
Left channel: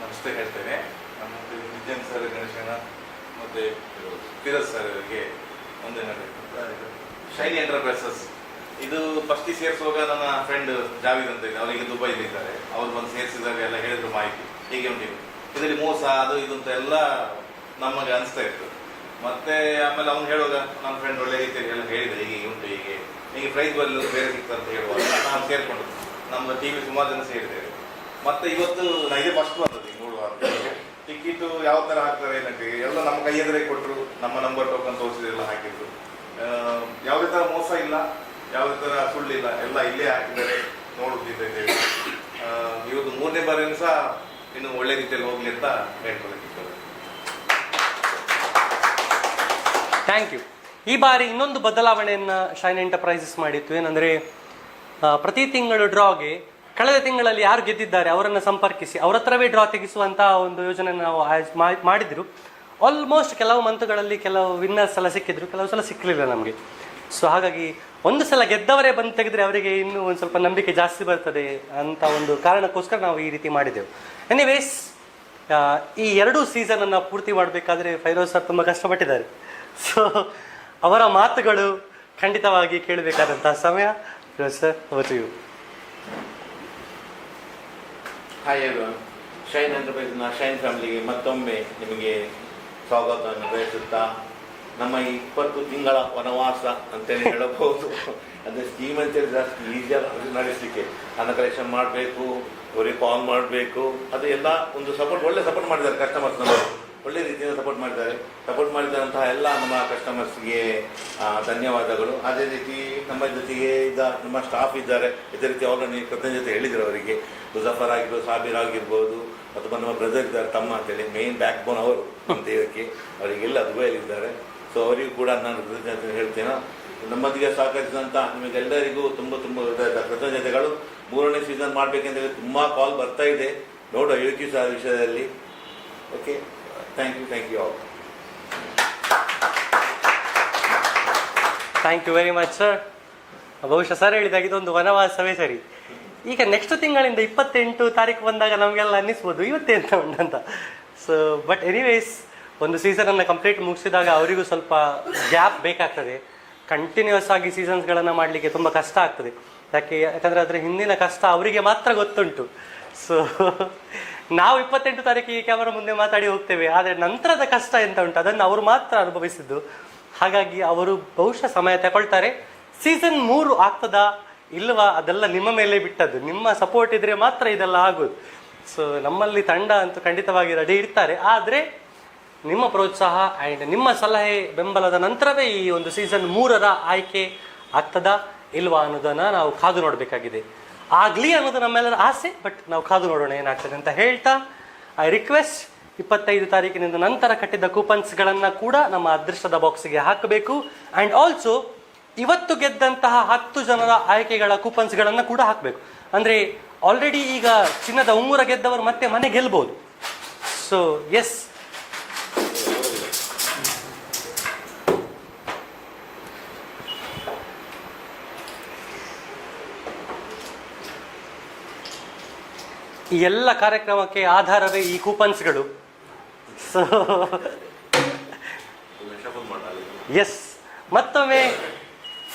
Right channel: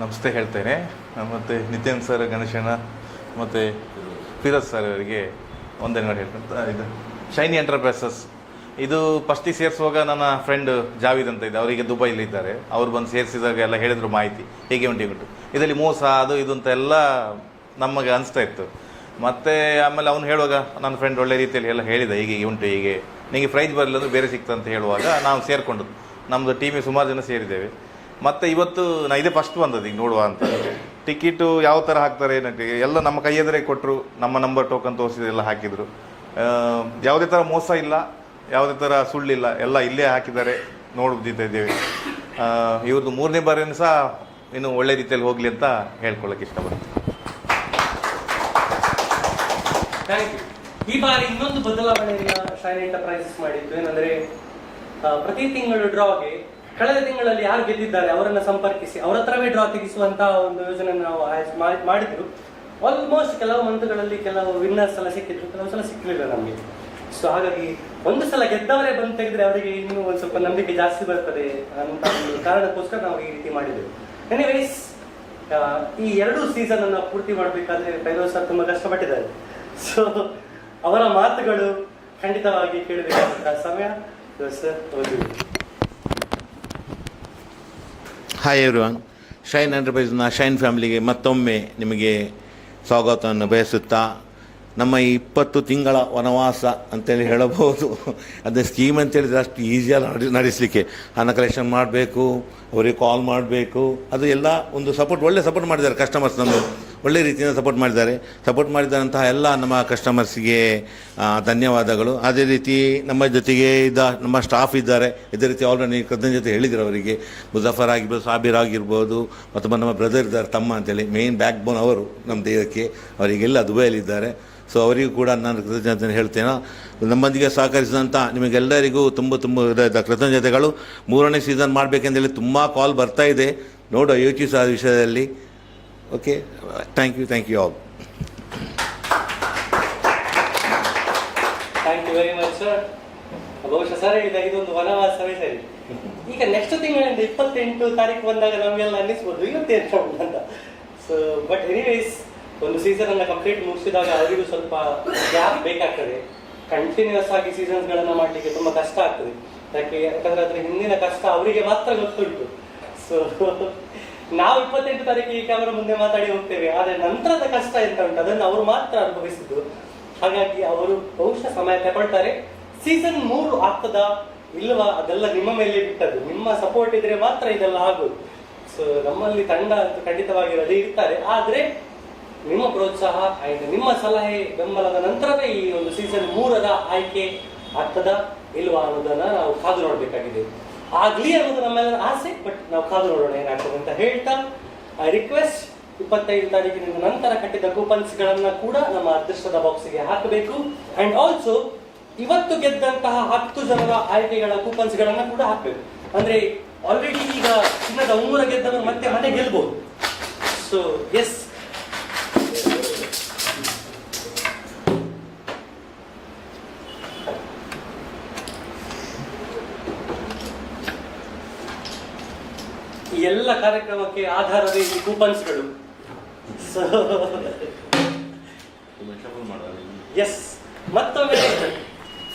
ನಮಸ್ತೆ ಹೇಳ್ತೇನೆ. ಮತ್ತು ನಿತ್ಯಾನಂದ ಸರ್, ಗಣೇಶಣ್ಣ ಮತ್ತು ಫಿರೋಜ್ ಸರ್ ಅವರಿಗೆ ಒಂದೇನು ಹೇಳ್ತಂತ. ಇದು ಶೈನಿ ಎಂಟರ್ಪ್ರೈಸಸ್ ಇದು ಫಸ್ಟಿಗೆ ಸೇರಿಸುವಾಗ ನನ್ನ ಫ್ರೆಂಡ್ ಜಾವೀದ್ ಅಂತ ಇದೆ, ಅವರಿಗೆ ದುಬೈಲಿ ಇದ್ದಾರೆ. ಅವ್ರು ಬಂದು ಸೇರಿಸಿದಾಗ ಎಲ್ಲ ಹೇಳಿದ್ರು ಮಾಹಿತಿ ಹೇಗೆ ಉಂಟು ಇದರಲ್ಲಿ ಮೋಸ ಅದು ಇದು ಅಂತ ಎಲ್ಲ ನಮಗೆ ಅನಿಸ್ತಾ ಇತ್ತು. ಮತ್ತು ಆಮೇಲೆ ಅವ್ನು ಹೇಳುವಾಗ ನನ್ನ ಫ್ರೆಂಡ್ ಒಳ್ಳೆ ರೀತಿಯಲ್ಲಿ ಎಲ್ಲ ಹೇಳಿದ, ಹೀಗೆ ಉಂಟು, ಹೀಗೆ ನಿಮಗೆ ಪ್ರೈಸ್ ಬರಲಿಲ್ಲ ಬೇರೆ ಸಿಕ್ತಂತ ಹೇಳುವಾಗ ನಾವು ಸೇರಿಕೊಂಡು ನಮ್ಮದು ಟೀಮಿಗೆ ಸುಮಾರು ಜನ ಸೇರಿದ್ದೇವೆ. ಮತ್ತು ಇವತ್ತು ಇದೇ ಫಸ್ಟ್ ಬಂದದ್ದು ಈಗ ನೋಡುವ ಅಂತ. ಟಿಕೆಟು ಯಾವ ಥರ ಹಾಕ್ತಾರೆ ಏನಂటే ಎಲ್ಲ ನಮ್ಮ ಕೈ ಎದುರೇ ಕೊಟ್ಟರು, ನಮ್ಮ ನಂಬರ್ ಟೋಕನ್ ತೋರಿಸಿದ್ರು, ಎಲ್ಲ ಹಾಕಿದರು. ಯಾವುದೇ ಥರ ಮೋಸ ಇಲ್ಲ, ಯಾವುದೇ ಥರ ಸುಳ್ಳಿಲ್ಲ, ಎಲ್ಲ ಇಲ್ಲೇ ಹಾಕಿದ್ದಾರೆ, ನೋಡುತ್ತಿದ್ದೇವೆ. ಇವತ್ತು 3ನೇ ಬಾರಿನೂ ಸಹ ಇನ್ನು ಒಳ್ಳೆ ರೀತಿಯಲ್ಲಿ ಹೋಗಲಿ ಅಂತ ಹೇಳ್ಕೊಳ್ಳೋಕೆ ಇಷ್ಟಪಡ್ತೀನಿ. Thank you. ಈ ಬಾರಿ ಇನ್ನೊಂದು ಬದಲಾವಣೆಯನ್ನು ಶೈನ್ ಎಂಟರ್ಪ್ರೈಸಸ್ ಮಾಡಿತ್ತು. ಏನಂದರೆ ಪ್ರತಿ ತಿಂಗಳ ಡ್ರಾಗೆ ಕಳೆದ ತಿಂಗಳಲ್ಲಿ ಯಾರು ಗೆದ್ದಿದ್ದಾರೆ ಅವರನ್ನು ಸಂಪರ್ಕಿಸಿ ಅವರ ಹತ್ರವೇ ಡ್ರಾ ತೆಗೆಸುವಂತಹ ಒಂದು ಯೋಜನೆ ನಾವು ಮಾಡಿದ್ರು. ಆಲ್ಮೋಸ್ಟ್ ಕೆಲವು ಮಂತ್ಗಳಲ್ಲಿ ಕೆಲವು ವಿನ್ನರ್ಸ್ ಎಲ್ಲ ಸಿಕ್ಕಿದ್ರು, ಕೆಲವು ಸಲ ಸಿಕ್ಕಲಿಲ್ಲ ನಮಗೆ. ಸೊ ಹಾಗಾಗಿ ಒಂದು ಸಲ ಗೆದ್ದವರೇ ಬಂದು ತೆಗೆದ್ರೆ ಅವರಿಗೆ ಇನ್ನೂ ಒಂದು ಸ್ವಲ್ಪ ನಂಬಿಕೆ ಜಾಸ್ತಿ ಬರ್ತದೆ ಅಂತ ಒಂದು ಕಾರಣಕ್ಕೋಸ್ಕರ ನಾವು ಈ ರೀತಿ ಮಾಡಿದೆವು. ಎನಿವೇಸ್, ಈ 2 ಸೀಸನನ್ನು ಪೂರ್ತಿ ಮಾಡಬೇಕಾದ್ರೆ ಫೈರೋಜ್ ಸರ್ ತುಂಬ ಕಷ್ಟಪಟ್ಟಿದ್ದಾರೆ. ಸೊ ಅವರ ಮಾತುಗಳು ಖಂಡಿತವಾಗಿ ಕೇಳಬೇಕಾದಂತಹ ಸಮಯ. ಫೈರೋಜ್ ಸರ್, ಓದಿ. ಹಾಯ್ ಎವ್ರಿವನ್, ಶೈನ್ ಎಂಟರ್ಪ್ರೈಸ್ನ ಶೈನ್ ಫ್ಯಾಮಿಲಿಗೆ ಮತ್ತೊಮ್ಮೆ ನಿಮಗೆ ಸ್ವಾಗತವನ್ನು ಬಯಸುತ್ತಾ, ನಮ್ಮ ಈ 20 ತಿಂಗಳ ವನವಾಸ ಅಂತೇಳಿ ಹೇಳಬಹುದು. ಅದೇ ಸ್ಕೀಮ್ ಅಂತೇಳಿದ್ರೆ ಅಷ್ಟು ಈಸಿಯಾಗಿ ನಡೆಸಲಿಕ್ಕೆ ಹಣ ಕಲೆಕ್ಷನ್ ಮಾಡಬೇಕು, ಅವರಿಗೆ ಕಾಲ್ ಮಾಡಬೇಕು, ಅದು ಎಲ್ಲ ಒಂದು ಸಪೋರ್ಟ್, ಒಳ್ಳೆ ಸಪೋರ್ಟ್ ಮಾಡಿದ್ದಾರೆ ಕಸ್ಟಮರ್ಸ್. ನಮ್ಮವರು ಒಳ್ಳೆ ರೀತಿಯಿಂದ ಸಪೋರ್ಟ್ ಮಾಡಿದಂತಹ ಎಲ್ಲ ನಮ್ಮ ಕಸ್ಟಮರ್ಸ್ಗೆ ಧನ್ಯವಾದಗಳು. ಅದೇ ರೀತಿ ನಮ್ಮ ಜೊತೆಗೆ ನಮ್ಮ ಸ್ಟಾಫ್ ಇದ್ದಾರೆ, ಇದೇ ರೀತಿ ಆಲ್ರೆಡಿ ಕೃತಜ್ಞತೆ ಹೇಳಿದರು ಅವರಿಗೆ. ಮುಜಫರ್ ಆಗಿರ್ಬೋದು, ಸಾಬೀರ್ ಆಗಿರ್ಬೋದು, ಮತ್ತು ನಮ್ಮ ಬ್ರದರ್ ಇದ್ದಾರೆ, ತಮ್ಮ ಅಂತೇಳಿ, ಮೇನ್ ಬ್ಯಾಕ್ ಬೋನ್ ಅವರು ನಮ್ಮ ದೇಹಕ್ಕೆ. ಅವರಿಗೆಲ್ಲ ದುಬೈಯಲ್ಲಿದ್ದಾರೆ. ಸೊ ಅವರಿಗೂ ಕೂಡ ನಾನು ಕೃತಜ್ಞತೆ ಹೇಳ್ತೇನೆ. ನಮ್ಮೊಂದಿಗೆ ಸಹಕರಿಸಿದಂಥ ನಿಮಗೆಲ್ಲರಿಗೂ ತುಂಬ ಕೃತಜ್ಞತೆಗಳು. 3ನೇ ಸೀಸನ್ ಮಾಡಬೇಕೆಂದೇಳಿ ತುಂಬ ಕಾಲ್ ಬರ್ತಾ ಇದೆ, ನೋಡುವ ಯೋಚಿಸ ಆ ವಿಷಯದಲ್ಲಿ. Okay, thank you all. Thank you very much sir. ಬಹುಶಃ ಸರ್ ಹೇಳಿದಾಗ ಇದೊಂದು ವನವಾಸವೇ ಸರಿ. ಈಗ ನೆಕ್ಸ್ಟ್ ತಿಂಗಳಿಂದ 28 ತಾರೀಕು ಬಂದಾಗ ನಮಗೆಲ್ಲ ಅನ್ನಿಸ್ಬೋದು ಇವತ್ತೇ ಅಂತ ಉಂಟಂತ. ಸೊ ಬಟ್ ಎನಿವೇಸ್, ಒಂದು ಸೀಸನನ್ನು ಕಂಪ್ಲೀಟ್ ಮುಗಿಸಿದಾಗ ಅವರಿಗೂ ಸ್ವಲ್ಪ ಗ್ಯಾಪ್ ಬೇಕಾಗ್ತದೆ. ಕಂಟಿನ್ಯೂಸ್ ಆಗಿ ಸೀಸನ್ಸ್ಗಳನ್ನು ಮಾಡಲಿಕ್ಕೆ ತುಂಬ ಕಷ್ಟ ಆಗ್ತದೆ. ಯಾಕಂದರೆ ಅದರ ಹಿಂದಿನ ಕಷ್ಟ ಅವರಿಗೆ ಮಾತ್ರ ಗೊತ್ತುಂಟು. ಸೊ ನಾವು 28 ತಾರೀಕಿಗೆ ಕ್ಯಾಮರಾ ಮುಂದೆ ಮಾತಾಡಿ ಹೋಗ್ತೇವೆ, ಆದರೆ ನಂತರದ ಕಷ್ಟ ಎಂತ ಉಂಟು ಅದನ್ನು ಅವರು ಮಾತ್ರ ಅನುಭವಿಸಿದ್ದು. ಹಾಗಾಗಿ ಅವರು ಬಹುಶಃ ಸಮಯ ತಗೊಳ್ತಾರೆ. ಸೀಸನ್ 3 ಆಗ್ತದಾ ಇಲ್ವಾ ಅದೆಲ್ಲ ನಿಮ್ಮ ಮೇಲೆ ಬಿಟ್ಟದ್ದು. ನಿಮ್ಮ ಸಪೋರ್ಟ್ ಇದ್ರೆ ಮಾತ್ರ ಇದೆಲ್ಲ ಆಗೋದು. ಸೊ ನಮ್ಮಲ್ಲಿ ತಂಡ ಅಂತೂ ಖಂಡಿತವಾಗಿ ರೆಡಿ ಇರ್ತಾರೆ, ಆದರೆ ನಿಮ್ಮ ಪ್ರೋತ್ಸಾಹ ಆ್ಯಂಡ್ ನಿಮ್ಮ ಸಲಹೆ ಬೆಂಬಲದ ನಂತರವೇ ಈ ಒಂದು ಸೀಸನ್ 3ರ ಆಯ್ಕೆ ಆಗ್ತದಾ ಇಲ್ವಾ ಅನ್ನೋದನ್ನ ನಾವು ಕಾದು ನೋಡಬೇಕಾಗಿದೆ. ಆಗ್ಲಿ ಅನ್ನೋದು ನಮ್ಮೆಲ್ಲರ ಆಸೆ, ಬಟ್ ನಾವು ಕಾದು ನೋಡೋಣ ಏನಾಗ್ತದೆ ಅಂತ ಹೇಳ್ತಾ, ಐ ರಿಕ್ವೆಸ್ಟ್ 25 ತಾರೀಕಿನಿಂದ ನಂತರ ಕಟ್ಟಿದ ಕೂಪನ್ಸ್ಗಳನ್ನ ಕೂಡ ನಮ್ಮ ಅದೃಷ್ಟದ ಬಾಕ್ಸ್ಗೆ ಹಾಕಬೇಕು. ಅಂಡ್ ಆಲ್ಸೋ ಇವತ್ತು ಗೆದ್ದಂತಹ 10 ಜನರ ಆಯ್ಕೆಗಳ ಕೂಪನ್ಸ್ಗಳನ್ನ ಕೂಡ ಹಾಕಬೇಕು. ಅಂದ್ರೆ ಆಲ್ರೆಡಿ ಈಗ ಚಿನ್ನದ ಉಂಗುರ ಗೆದ್ದವರು ಮತ್ತೆ ಮನೆ ಗೆಲ್ಬಹುದು. ಸೊ ಎಸ್, ಈ ಎಲ್ಲ ಕಾರ್ಯಕ್ರಮಕ್ಕೆ ಆಧಾರವೇ ಈ ಕೂಪನ್ಸ್ಗಳು. ಸೊ ಎಸ್, ಮತ್ತೊಮ್ಮೆ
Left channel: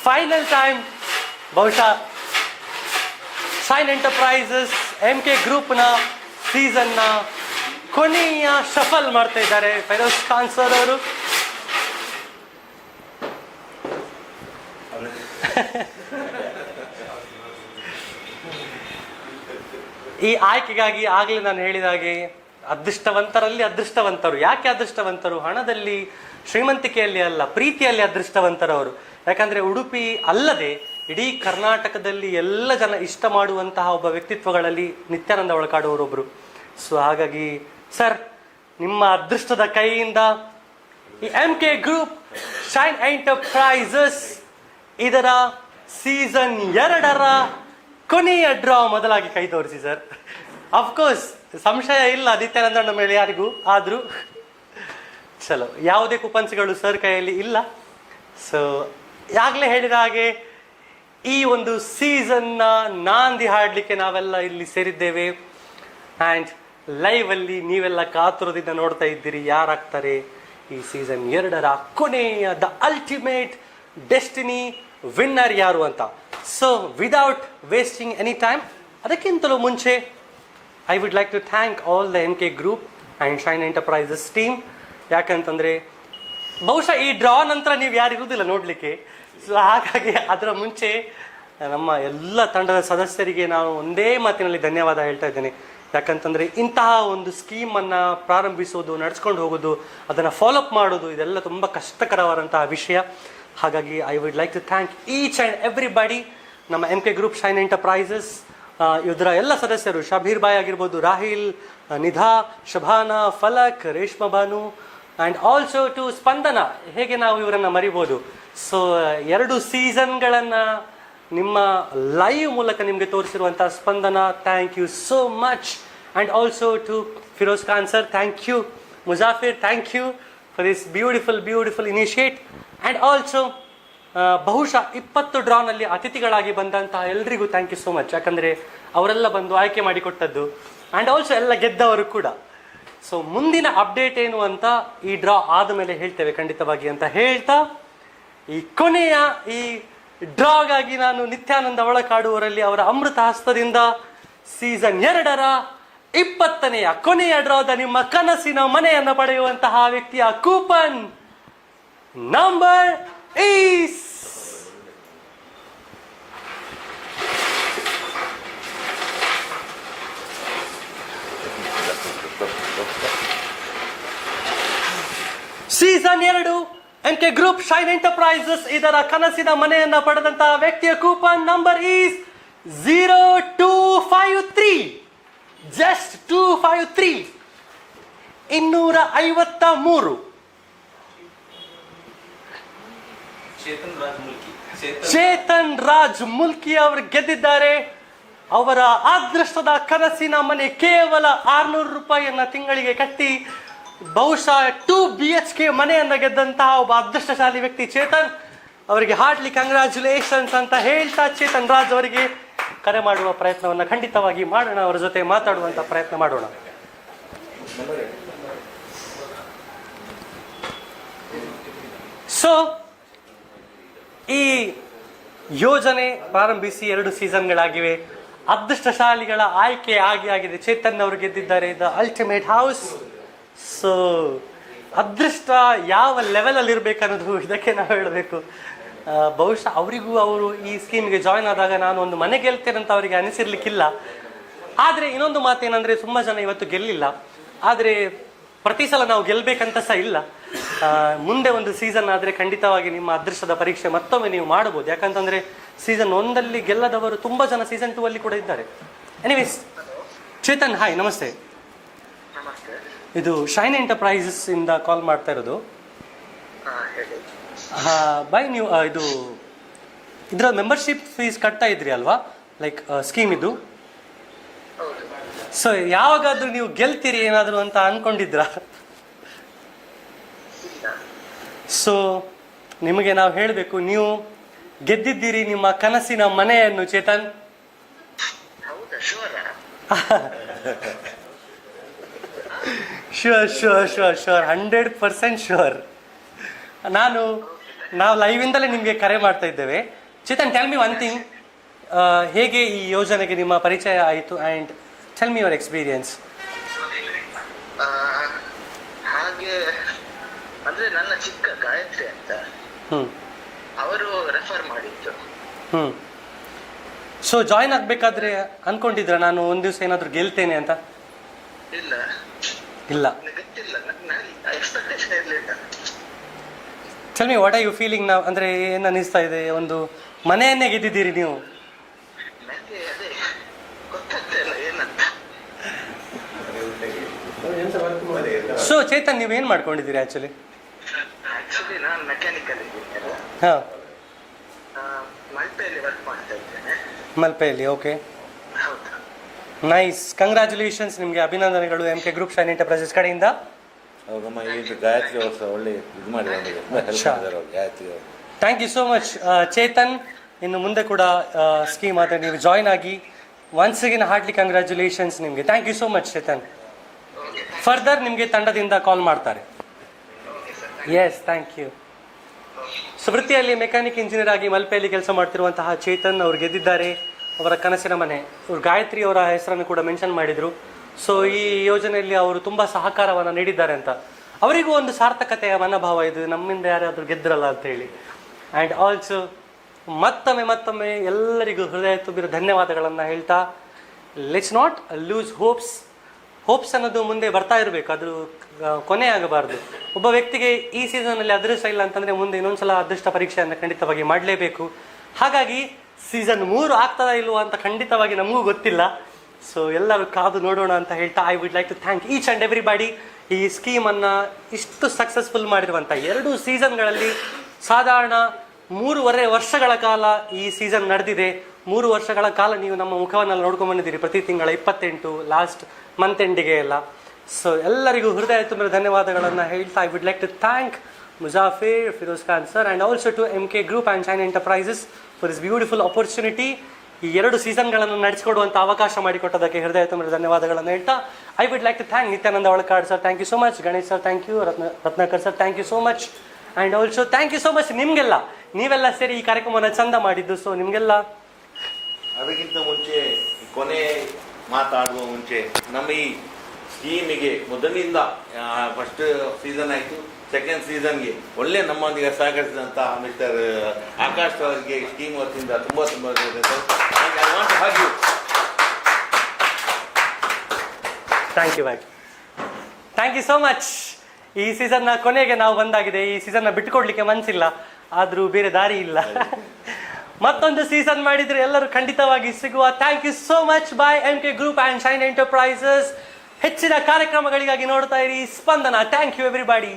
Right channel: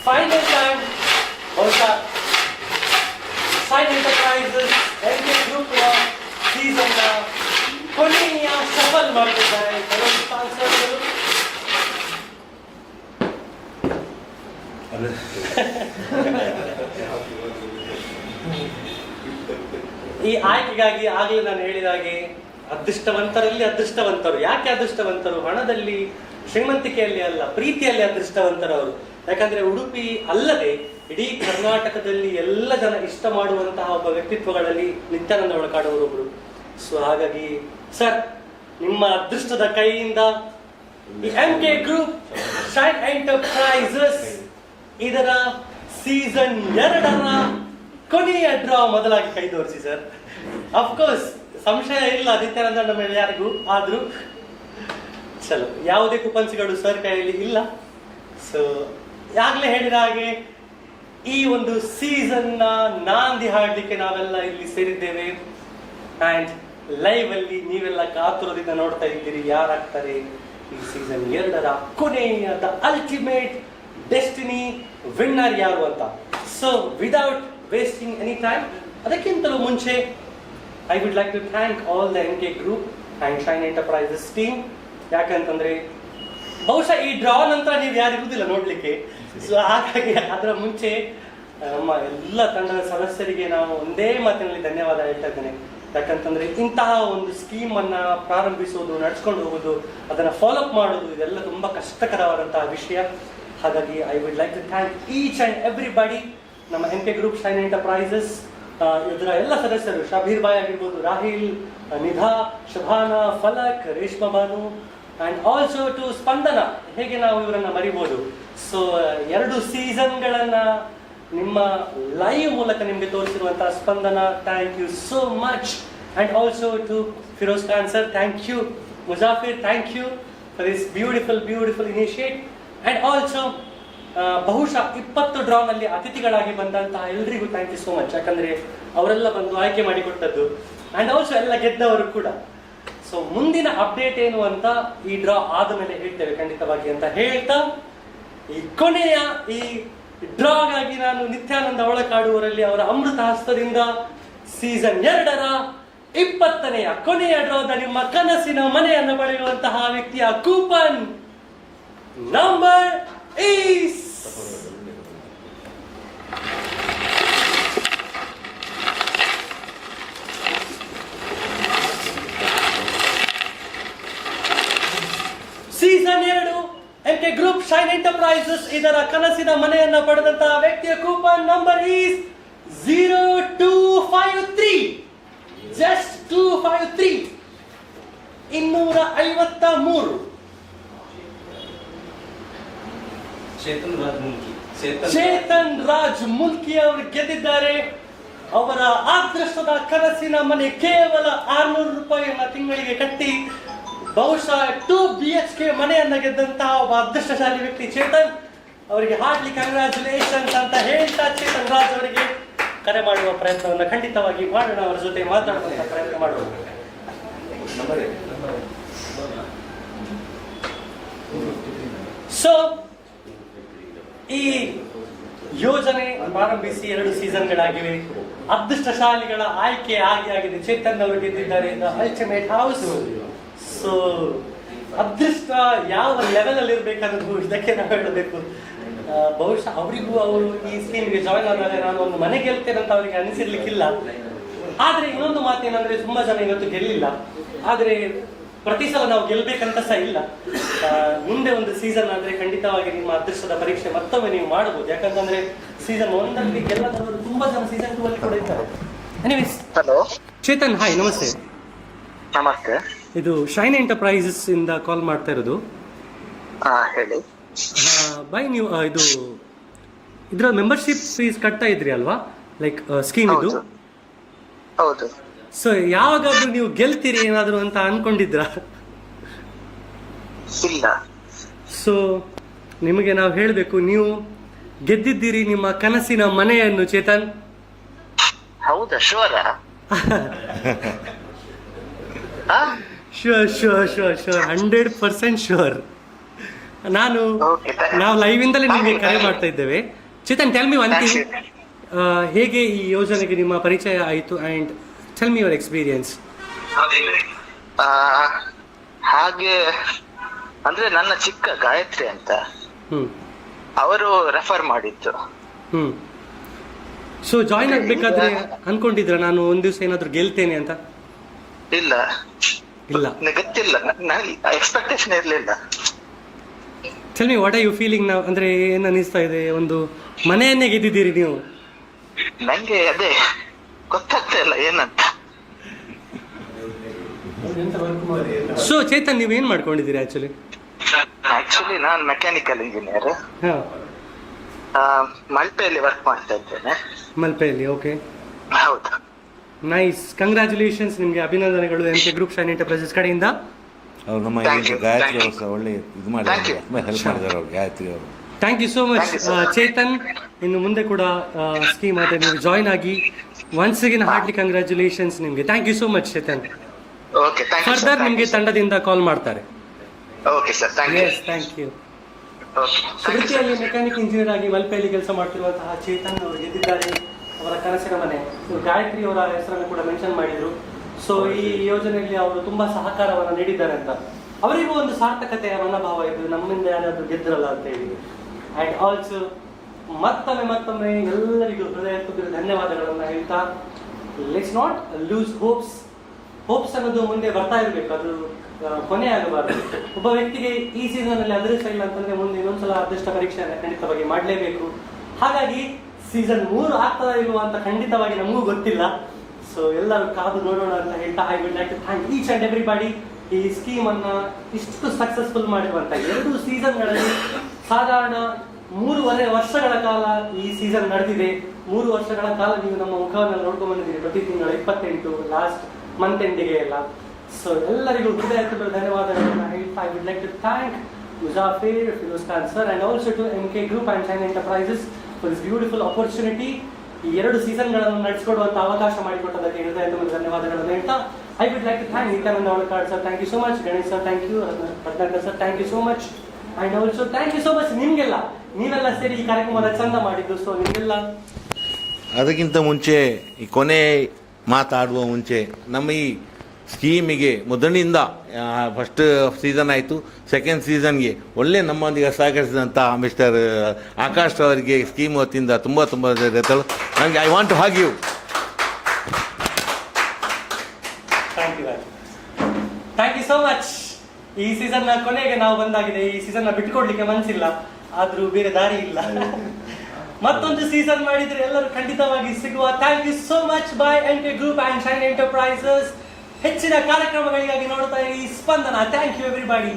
ಫೈನಲ್ ಟೈಮ್ ಬಹುಶಃ ಶೈನ್ ಎಂಟರ್ಪ್ರೈಸಸ್ MK ಗ್ರೂಪ್ನ ಸೀಸನ್ನ ಕೊನೆಯ ಸಫಲ್ ಮಾಡ್ತಾ ಇದ್ದಾರೆ ಫೈರೋಜ್ ಖಾನ್ ಸರ್ ಅವರು. ಈ ಆಯ್ಕೆಗಾಗಿ ಆಗಲೇ ನಾನು ಹೇಳಿದ ಹಾಗೆ ಅದೃಷ್ಟವಂತರಲ್ಲಿ ಅದೃಷ್ಟವಂತರು. ಯಾಕೆ ಅದೃಷ್ಟವಂತರು? ಹಣದಲ್ಲಿ, ಶ್ರೀಮಂತಿಕೆಯಲ್ಲಿ ಅಲ್ಲ, ಪ್ರೀತಿಯಲ್ಲಿ ಅದೃಷ್ಟವಂತರವರು. ಯಾಕಂದ್ರೆ ಉಡುಪಿ ಅಲ್ಲದೆ ಇಡೀ ಕರ್ನಾಟಕದಲ್ಲಿ ಎಲ್ಲ ಜನ ಇಷ್ಟ ಮಾಡುವಂತಹ ಒಬ್ಬ ವ್ಯಕ್ತಿತ್ವಗಳಲ್ಲಿ ನಿತ್ಯಾನಂದ ಒಳಕಾಡುವರೊಬ್ರು. ಸೊ ಹಾಗಾಗಿ ಸರ್, ನಿಮ್ಮ ಅದೃಷ್ಟದ ಕೈಯಿಂದ ಈ MK ಗ್ರೂಪ್ ಶೈನ್ ಎಂಟರ್ಪ್ರೈಸಸ್ ಇದರ ಸೀಸನ್ 2ರ ಕೊನೆಯ ಡ್ರಾ ಮೊದಲಾಗಿ ಕೈ ತೋರಿಸಿ ಸರ್. ಅಫ್ಕೋರ್ಸ್ ಸಂಶಯ ಇಲ್ಲ ನಿತ್ಯಾನಂದನ ಮೇಲೆ ಯಾರಿಗೂ. ಆದ್ರೂ ಚಲೋ, ಯಾವುದೇ ಕೂಪನ್ಸ್ಗಳು ಸರ್ ಕೈಯಲ್ಲಿ ಇಲ್ಲ. ಸೊ ಈಗಾಗಲೇ ಹೇಳಿದ ಹಾಗೆ ಈ ಒಂದು ಸೀಸನ್ನ ನಾಂದಿ ಹಾಡ್ಲಿಕ್ಕೆ ನಾವೆಲ್ಲ ಇಲ್ಲಿ ಸೇರಿದ್ದೇವೆ. ಅಂಡ್ ಲೈವ್ ಅಲ್ಲಿ ನೀವೆಲ್ಲ ಕಾತುರದಿಂದ ನೋಡ್ತಾ ಇದ್ದೀರಿ ಯಾರಾಗ್ತಾರೆ ಈ ಸೀಸನ್ 2ರ ಕೊನೆಯ ದ ಅಲ್ಟಿಮೇಟ್ ಡೆಸ್ಟಿನಿ ವಿನ್ನರ್ ಯಾರು ಅಂತ. So without wasting any time, ಅದಕ್ಕಿಂತಲೂ ಮುಂಚೆ I would like to thank all the MK group and shine enterprises team ಯಾಕಂತಂದ್ರೆ ಬಹುಶಃ ಈ ಡ್ರಾ ನಂತರ ನೀವು ಯಾರು ಇರುವುದಿಲ್ಲ ನೋಡ್ಲಿಕ್ಕೆ. ಸೊ ಹಾಗಾಗಿ ಅದರ ಮುಂಚೆ ನಮ್ಮ ಎಲ್ಲ ತಂಡದ ಸದಸ್ಯರಿಗೆ ನಾವು ಒಂದೇ ಮಾತಿನಲ್ಲಿ ಧನ್ಯವಾದ ಹೇಳ್ತಾ ಇದ್ದೇನೆ. ಯಾಕಂತಂದ್ರೆ ಇಂತಹ ಒಂದು ಸ್ಕೀಮ್ ಅನ್ನ ಪ್ರಾರಂಭಿಸುವುದು, ನಡ್ಸ್ಕೊಂಡು ಹೋಗೋದು, ಅದನ್ನ ಫಾಲೋಅಪ್ ಮಾಡೋದು, ಇದೆಲ್ಲ ತುಂಬಾ ಕಷ್ಟಕರವಾದಂತಹ ವಿಷಯ. ಹಾಗಾಗಿ I would like to thank each and everybody. ನಮ್ಮ MK ಗ್ರೂಪ್ ಶೈನ್ ಎಂಟರ್ಪ್ರೈಸಸ್ ಇದರ ಎಲ್ಲ ಸದಸ್ಯರು, ಶಬೀರ್ ಬಾಯ್ ಆಗಿರ್ಬೋದು, Rahil, Nidha, Shabana, Falak, Reshma Banu and also to ಸ್ಪಂದನ. ಹೇಗೆ ನಾವು ಇವರನ್ನ ಮರಿಬಹುದು? ಸೊ 2 ಸೀಸನ್ಗಳನ್ನ ನಿಮ್ಮ ಲೈವ್ ಮೂಲಕ ನಿಮಗೆ ತೋರಿಸಿರುವಂತಹ ಸ್ಪಂದನ, thank you so much. And also to Firoz Khan sir, thank you. Muzafir, thank you for this beautiful initiate. And also ಬಹುಶಃ 20 ಡ್ರಾನಲ್ಲಿ ಅತಿಥಿಗಳಾಗಿ ಬಂದಂತಹ ಎಲ್ರಿಗೂ ಥ್ಯಾಂಕ್ ಯು ಸೋ ಮಚ್. ಯಾಕಂದ್ರೆ ಅವರೆಲ್ಲ ಬಂದು ಆಯ್ಕೆ ಮಾಡಿಕೊಟ್ಟದ್ದು ಅಂಡ್ ಆಲ್ಸೋ ಎಲ್ಲ ಗೆದ್ದವರು ಕೂಡ. ಸೊ ಮುಂದಿನ ಅಪ್ಡೇಟ್ ಏನು ಅಂತ ಈ ಡ್ರಾ ಆದ ಮೇಲೆ ಹೇಳ್ತೇವೆ ಖಂಡಿತವಾಗಿ ಅಂತ ಹೇಳ್ತಾ, ಈ ಕೊನೆಯ ಈ ಡ್ರಾಗಾಗಿ ನಾನು ನಿತ್ಯಾನಂದ ಒಳಕಾಡುವರಲ್ಲಿ ಅವರ ಅಮೃತ ಹಸ್ತದಿಂದ ಸೀಸನ್ 2ರ 20ನೆಯ ಕೊನೆಯ ಡ್ರಾದ ನಿಮ್ಮ ಕನಸಿನ ಮನೆಯನ್ನು ಪಡೆಯುವಂತಹ ವ್ಯಕ್ತಿಯ coupon number is season 2 MK group shine enterprises ಇದರ ಕನಸಿನ ಮನೆಯನ್ನ ಪಡೆದಂತಹ ವ್ಯಕ್ತಿಯ coupon number is 0253. Just 253 253. Chetan Raj Mulki ಅವರು ಗೆದ್ದಿದ್ದಾರೆ. ಅವರ ಅದೃಷ್ಟದ ಕನಸಿನ ಮನೆ ಕೇವಲ 600 ರೂಪಾಯಿಯನ್ನ ತಿಂಗಳಿಗೆ ಕಟ್ಟಿ ಬಹುಶಃ 2 BHK ಮನೆಯನ್ನ ಗೆದ್ದಂತಹ ಒಬ್ಬ ಅದೃಷ್ಟಶಾಲಿ ವ್ಯಕ್ತಿ ಚೇತನ್ ಅವರಿಗೆ ಹಾರ್ಡ್ಲಿ ಕಂಗ್ರಾಚುಲೇಷನ್ಸ್ ಅಂತ ಹೇಳ್ತಾ, ಚೇತನ್ ರಾಜ್ ಅವರಿಗೆ ಕರೆ ಮಾಡುವ ಪ್ರಯತ್ನವನ್ನು ಖಂಡಿತವಾಗಿ ಮಾಡೋಣ, ಅವರ ಜೊತೆ ಮಾತಾಡುವಂತ ಪ್ರಯತ್ನ ಮಾಡೋಣ. ಸೊ ಈ ಯೋಜನೆ ಪ್ರಾರಂಭಿಸಿ 2 ಸೀಸನ್ಗಳಾಗಿವೆ. ಅದೃಷ್ಟಶಾಲಿಗಳ ಆಯ್ಕೆ ಆಗಿದೆ. ಚೇತನ್ ಅವರು ಗೆದ್ದಿದ್ದಾರೆ ದ ಅಲ್ಟಿಮೇಟ್ ಹೌಸ್. ಸೊ ಅದೃಷ್ಟ ಯಾವ ಲೆವೆಲ್ ಅಲ್ಲಿ ಇರ್ಬೇಕನ್ನೋದು ಇದಕ್ಕೆ ನಾವು ಹೇಳಬೇಕು. ಬಹುಶಃ ಅವರಿಗೂ ಅವರು ಈ ಸ್ಕೀಮ್ಗೆ ಜಾಯಿನ್ ಆದಾಗ ನಾನು ಒಂದು ಮನೆ ಗೆಲ್ತೇನೆ ಅಂತ ಅವರಿಗೆ ಅನಿಸಿರ್ಲಿಕ್ಕಿಲ್ಲ. ಆದ್ರೆ ಇನ್ನೊಂದು ಮಾತೇನಂದ್ರೆ ತುಂಬಾ ಜನ ಇವತ್ತು ಗೆಲ್ಲಿಲ್ಲ. ಆದ್ರೆ ಪ್ರತಿ ಸಲ ನಾವು ಗೆಲ್ಬೇಕಂತ ಸಹ ಇಲ್ಲ. ಮುಂದೆ ಒಂದು ಸೀಸನ್ ಆದ್ರೆ ಖಂಡಿತವಾಗಿ ನಿಮ್ಮ ಅದೃಷ್ಟದ ಪರೀಕ್ಷೆ ಮತ್ತೊಮ್ಮೆ ನೀವು ಮಾಡಬಹುದು. ಯಾಕಂತಂದ್ರೆ ಸೀಸನ್ 1ಲ್ಲಿ ಗೆಲ್ಲದವರು ತುಂಬಾ ಜನ ಸೀಸನ್ 2 ಅಲ್ಲಿ ಕೂಡ ಇದ್ದಾರೆ. ಎನಿವೇಸ್, ಹಲೋ ಚೇತನ್, ಹಾಯ್, ನಮಸ್ತೆ. ನಮಸ್ತೆ. ಇದು ಶೈನ್ ಎಂಟರ್ಪ್ರೈಸಸ್ ಇಂದ ಕಾಲ್ ಮಾಡ್ತಾ ಇರೋದು. ಹೇಳಿ. ಬಾಯ್, ನೀವು ಇದು ಇದರ ಮೆಂಬರ್ಶಿಪ್ ಫೀಸ್ ಕಟ್ತಾ ಇದ್ರಿ ಅಲ್ವಾ, ಲೈಕ್ ಸ್ಕೀಮ್ ಇದು? ಹೌದು. ಸೊ ಯಾವಾಗಾದ್ರೂ ನೀವು ಗೆಲ್ತೀರಿ ಏನಾದ್ರು ಅಂತ ಅನ್ಕೊಂಡಿದ್ರಾ? ಇಲ್ಲ. ಸೊ ನಿಮಗೆ ನಾವು ಹೇಳಬೇಕು, ನೀವು ಗೆದ್ದಿದ್ದೀರಿ ನಿಮ್ಮ ಕನಸಿನ ಮನೆಯನ್ನು ಚೇತನ್. ಹೌದಾ? ಶೋರ? Sure 100% sure. ನಾವು ಲೈವ್ ಇಂದಲೇ ನಿಮಗೆ ಕರೆ ಮಾಡ್ತಾ ಇದ್ದೇವೆ. Chetan, tell me one thing, ಹೇಗೆ ಈ ಯೋಜನೆಗೆ ನಿಮ್ಮ ಪರಿಚಯ ಆಯಿತು and tell me your experience. ಹಾಗೆ ಅಂದ್ರೆ ನನ್ನ ಚಿಕ್ಕ ಗಾಯತ್ರಿ ಅಂತ ಅವರು ರೆಫರ್ ಮಾಡಿದ್ದು. ಸೊ ಜಾಯಿನ್ ಆಗ್ಬೇಕಾದ್ರೆ ಅನ್ಕೊಂಡಿದ್ರ ನಾನು ಒಂದ್ ದಿವಸ ಏನಾದ್ರು ಗೆಲ್ತೇನೆ ಅಂತ? ಇಲ್ಲ, ಗೊತ್ತಿಲ್ಲ, ಎಕ್ಸ್ಪೆಕ್ಟೇಷನ್ ಇರ್ಲಿಲ್ಲ. Tell me what are you feeling ನಾವು, ಅಂದ್ರೆ ಏನ್ ಅನಿಸ್ತಾ ಇದೆ? ಒಂದು ಮನೆಯನ್ನೇ ಗೆದ್ದಿದ್ದೀರಿ ನೀವು. ನಂಗೆ ಅದೇ ಗೊತ್ತಾಗ್ತಾ ಇಲ್ಲ ಏನಂತ. ಸೊ ಚೇತನ್, ನೀವು ಏನ್ ಮಾಡ್ಕೊಂಡಿದ್ದೀರಿ ಆಕ್ಚುಲಿ? ನಾನು ಮೆಕ್ಯಾನಿಕಲ್ ಇಂಜಿನಿಯರ್. ಮಲ್ಪೆಯಲ್ಲಿ ವರ್ಕ್ ಮಾಡ್ತಾ ಇದ್ದೇನೆ. ಮಲ್ಪೆಯಲ್ಲಿ? ಓಕೆ, ಹೌದು. ನೈಸ್, ಕಂಗ್ರಾಚುಲೇಷನ್ಸ್, ನಿಮಗೆ ಅಭಿನಂದನೆಗಳು MK ಗ್ರೂಪ್ ಶೈನ್ ಎಂಟರ್ಪ್ರೈಸಸ್ ಕಡೆಯಿಂದ. ನಮ್ಮ ಗಾಯತ್ರಿ ಅವರು ಒಳ್ಳೆ ಇದು ಮಾಡಿದ್ದಾರೆ ಗಾಯತ್ರಿ ಅವರು. Thank you so much Chetan. ಇನ್ನು ಮುಂದೆ ಕೂಡ ಸ್ಕೀಮ್ ಆದರೆ ನೀವು ಜಾಯಿನ್ ಆಗಿ ಒನ್ಸ್ ಅಗೇನ್ ಹಾರ್ಡ್ಲಿ ಕಂಗ್ರಾಚುಲೇಷನ್ಸ್ ನಿಮಗೆ. Thank you so much Chetan. Further ನಿಮಗೆ ತಂಡದಿಂದ ಕಾಲ್ ಮಾಡ್ತಾರೆ. Yes, thank you. ವೃತ್ತಿಯಲ್ಲಿ ಮೆಕ್ಯಾನಿಕ್ ಇಂಜಿನಿಯರ್ ಆಗಿ ಮಲ್ಪೆಯಲ್ಲಿ ಕೆಲಸ ಮಾಡ್ತಿರುವಂತಹ ಚೇತನ್ ಅವರು ಗೆದ್ದಿದ್ದಾರೆ ಅವರ ಕನಸಿನ ಮನೆ. ಅವರು ಗಾಯತ್ರಿ ಅವರ ಹೆಸರನ್ನು ಕೂಡ ಮೆನ್ಷನ್ ಮಾಡಿದ್ರು. ಸೊ ಈ ಯೋಜನೆಯಲ್ಲಿ ಅವರು ತುಂಬಾ ಸಹಕಾರವನ್ನು ನೀಡಿದ್ದಾರೆ ಅಂತ. ಅವರಿಗೂ ಒಂದು ಸಾರ್ಥಕತೆಯ ಮನೋಭಾವ ಇದು, ನಮ್ಮಿಂದ ಯಾರಾದರೂ ಗೆದ್ರಲ್ಲ ಅಂತೇಳಿ. ಆ್ಯಂಡ್ ಆಲ್ಸೋ ಮತ್ತೊಮ್ಮೆ ಎಲ್ಲರಿಗೂ ಹೃದಯ ತುಂಬಿರೋ ಧನ್ಯವಾದಗಳನ್ನು ಹೇಳ್ತಾ, ಲೆಟ್ಸ್ ನಾಟ್ ಲೂಸ್ ಹೋಪ್ಸ್ ಅನ್ನೋದು ಮುಂದೆ ಬರ್ತಾ ಇರಬೇಕು, ಅದು ಕೊನೆ ಆಗಬಾರ್ದು. ಒಬ್ಬ ವ್ಯಕ್ತಿಗೆ ಈ ಸೀಸನಲ್ಲಿ ಅದೃಷ್ಟ ಇಲ್ಲ ಅಂತಂದ್ರೆ ಮುಂದೆ ಇನ್ನೊಂದ್ಸಲ ಅದೃಷ್ಟ ಪರೀಕ್ಷೆಯನ್ನು ಖಂಡಿತವಾಗಿ ಮಾಡಲೇಬೇಕು. ಹಾಗಾಗಿ ಸೀಸನ್ 3 ಆಗ್ತದಾ ಇಲ್ವೋ ಅಂತ ಖಂಡಿತವಾಗಿ ನಮಗೂ ಗೊತ್ತಿಲ್ಲ. ಸೊ ಎಲ್ಲರೂ ಕಾದು ನೋಡೋಣ ಅಂತ ಹೇಳ್ತಾ, I would like to thank each and everybody. ಈ ಸ್ಕೀಮನ್ನು ಇಷ್ಟು ಸಕ್ಸಸ್ಫುಲ್ ಮಾಡಿರುವಂಥ 2 ಸೀಸನ್ಗಳಲ್ಲಿ ಸಾಧಾರಣ 3.5 ವರ್ಷಗಳ ಕಾಲ ಈ ಸೀಸನ್ ನಡೆದಿದೆ. 3 ವರ್ಷಗಳ ಕಾಲ ನೀವು ನಮ್ಮ ಮುಖವನ್ನು ನೋಡ್ಕೊಂಡು ಬಂದಿದ್ದೀರಿ, ಪ್ರತಿ ತಿಂಗಳ 28 ಲಾಸ್ಟ್ ಮಂತ್ ಎಂಡಿಗೆ ಎಲ್ಲ. ಸೊ ಎಲ್ಲರಿಗೂ ಹೃದಯ ತುಂಬಿದ ಧನ್ಯವಾದಗಳನ್ನು ಹೇಳ್ತಾ, I would like to thank Muzafir, Firoz Khan sir and also to MK Group and shine enterprises for this beautiful opportunity. ಈ 2 ಸೀಸನ್ಗಳನ್ನು ನಡೆಸಿಕೊಡುವಂಥ ಅವಕಾಶ ಮಾಡಿಕೊಟ್ಟದಕ್ಕೆ ಹೃದಯ ತುಂಬಿದ ಧನ್ಯವಾದಗಳನ್ನು ಹೇಳ್ತಾ, I would like to thank Nityananda Olakad sir, thank you so much. Ganesh sir thank you. Ratnakar sir thank you so much. And also thank you so much ನಿಮಗೆಲ್ಲ, ನೀವೆಲ್ಲ ಸೇರಿ ಈ ಕಾರ್ಯಕ್ರಮವನ್ನು ಚಂದ ಮಾಡಿದ್ದು. ಸೊ ನಿಮಗೆಲ್ಲ ಅದಕ್ಕಿಂತ ಮುಂಚೆ ಈ ಕೊನೆ ಮಾತಾಡುವ ಮುಂಚೆ ನಮ್ಮ ಈ ಸ್ಕೀಮಿಗೆ ಮೊದಲಿನಿಂದ ಫಸ್ಟ್ ಸೀಸನ್ ಆಯಿತು, ಸೆಕೆಂಡ್ ಸೀಸನ್ಗೆ ಒಳ್ಳೆ ನಮ್ಮೊಂದಿಗೆ ಸಹಕರಿಸಿದಂಥ ಮಿಸ್ಟರ್ ಆಕಾಶ್ ಅವರಿಗೆ ಸ್ಕೀಮ್ ವತಿಯಿಂದ ತುಂಬ ನನಗೆ I want to hug you. Thank you thank you so much. ಈ ಸೀಸನ್ನ ಕೊನೆಗೆ ನಾವು ಬಂದಾಗಿದೆ. ಈ ಸೀಸನ್ನ ಬಿಟ್ಟುಕೊಡ್ಲಿಕ್ಕೆ ಮನಸ್ಸಿಲ್ಲ, ಆದರೂ ಬೇರೆ ದಾರಿ ಇಲ್ಲ. ಮತ್ತೊಂದು ಸೀಸನ್ ಮಾಡಿದ್ರೆ ಎಲ್ಲರೂ ಖಂಡಿತವಾಗಿ ಸಿಗುವ. Thank you so much. By MK Group and shine enterprises. ಹೆಚ್ಚಿನ ಕಾರ್ಯಕ್ರಮಗಳಿಗಾಗಿ ನೋಡ್ತಾ ಇರಿ ಸ್ಪಂದನ. Thank you everybody.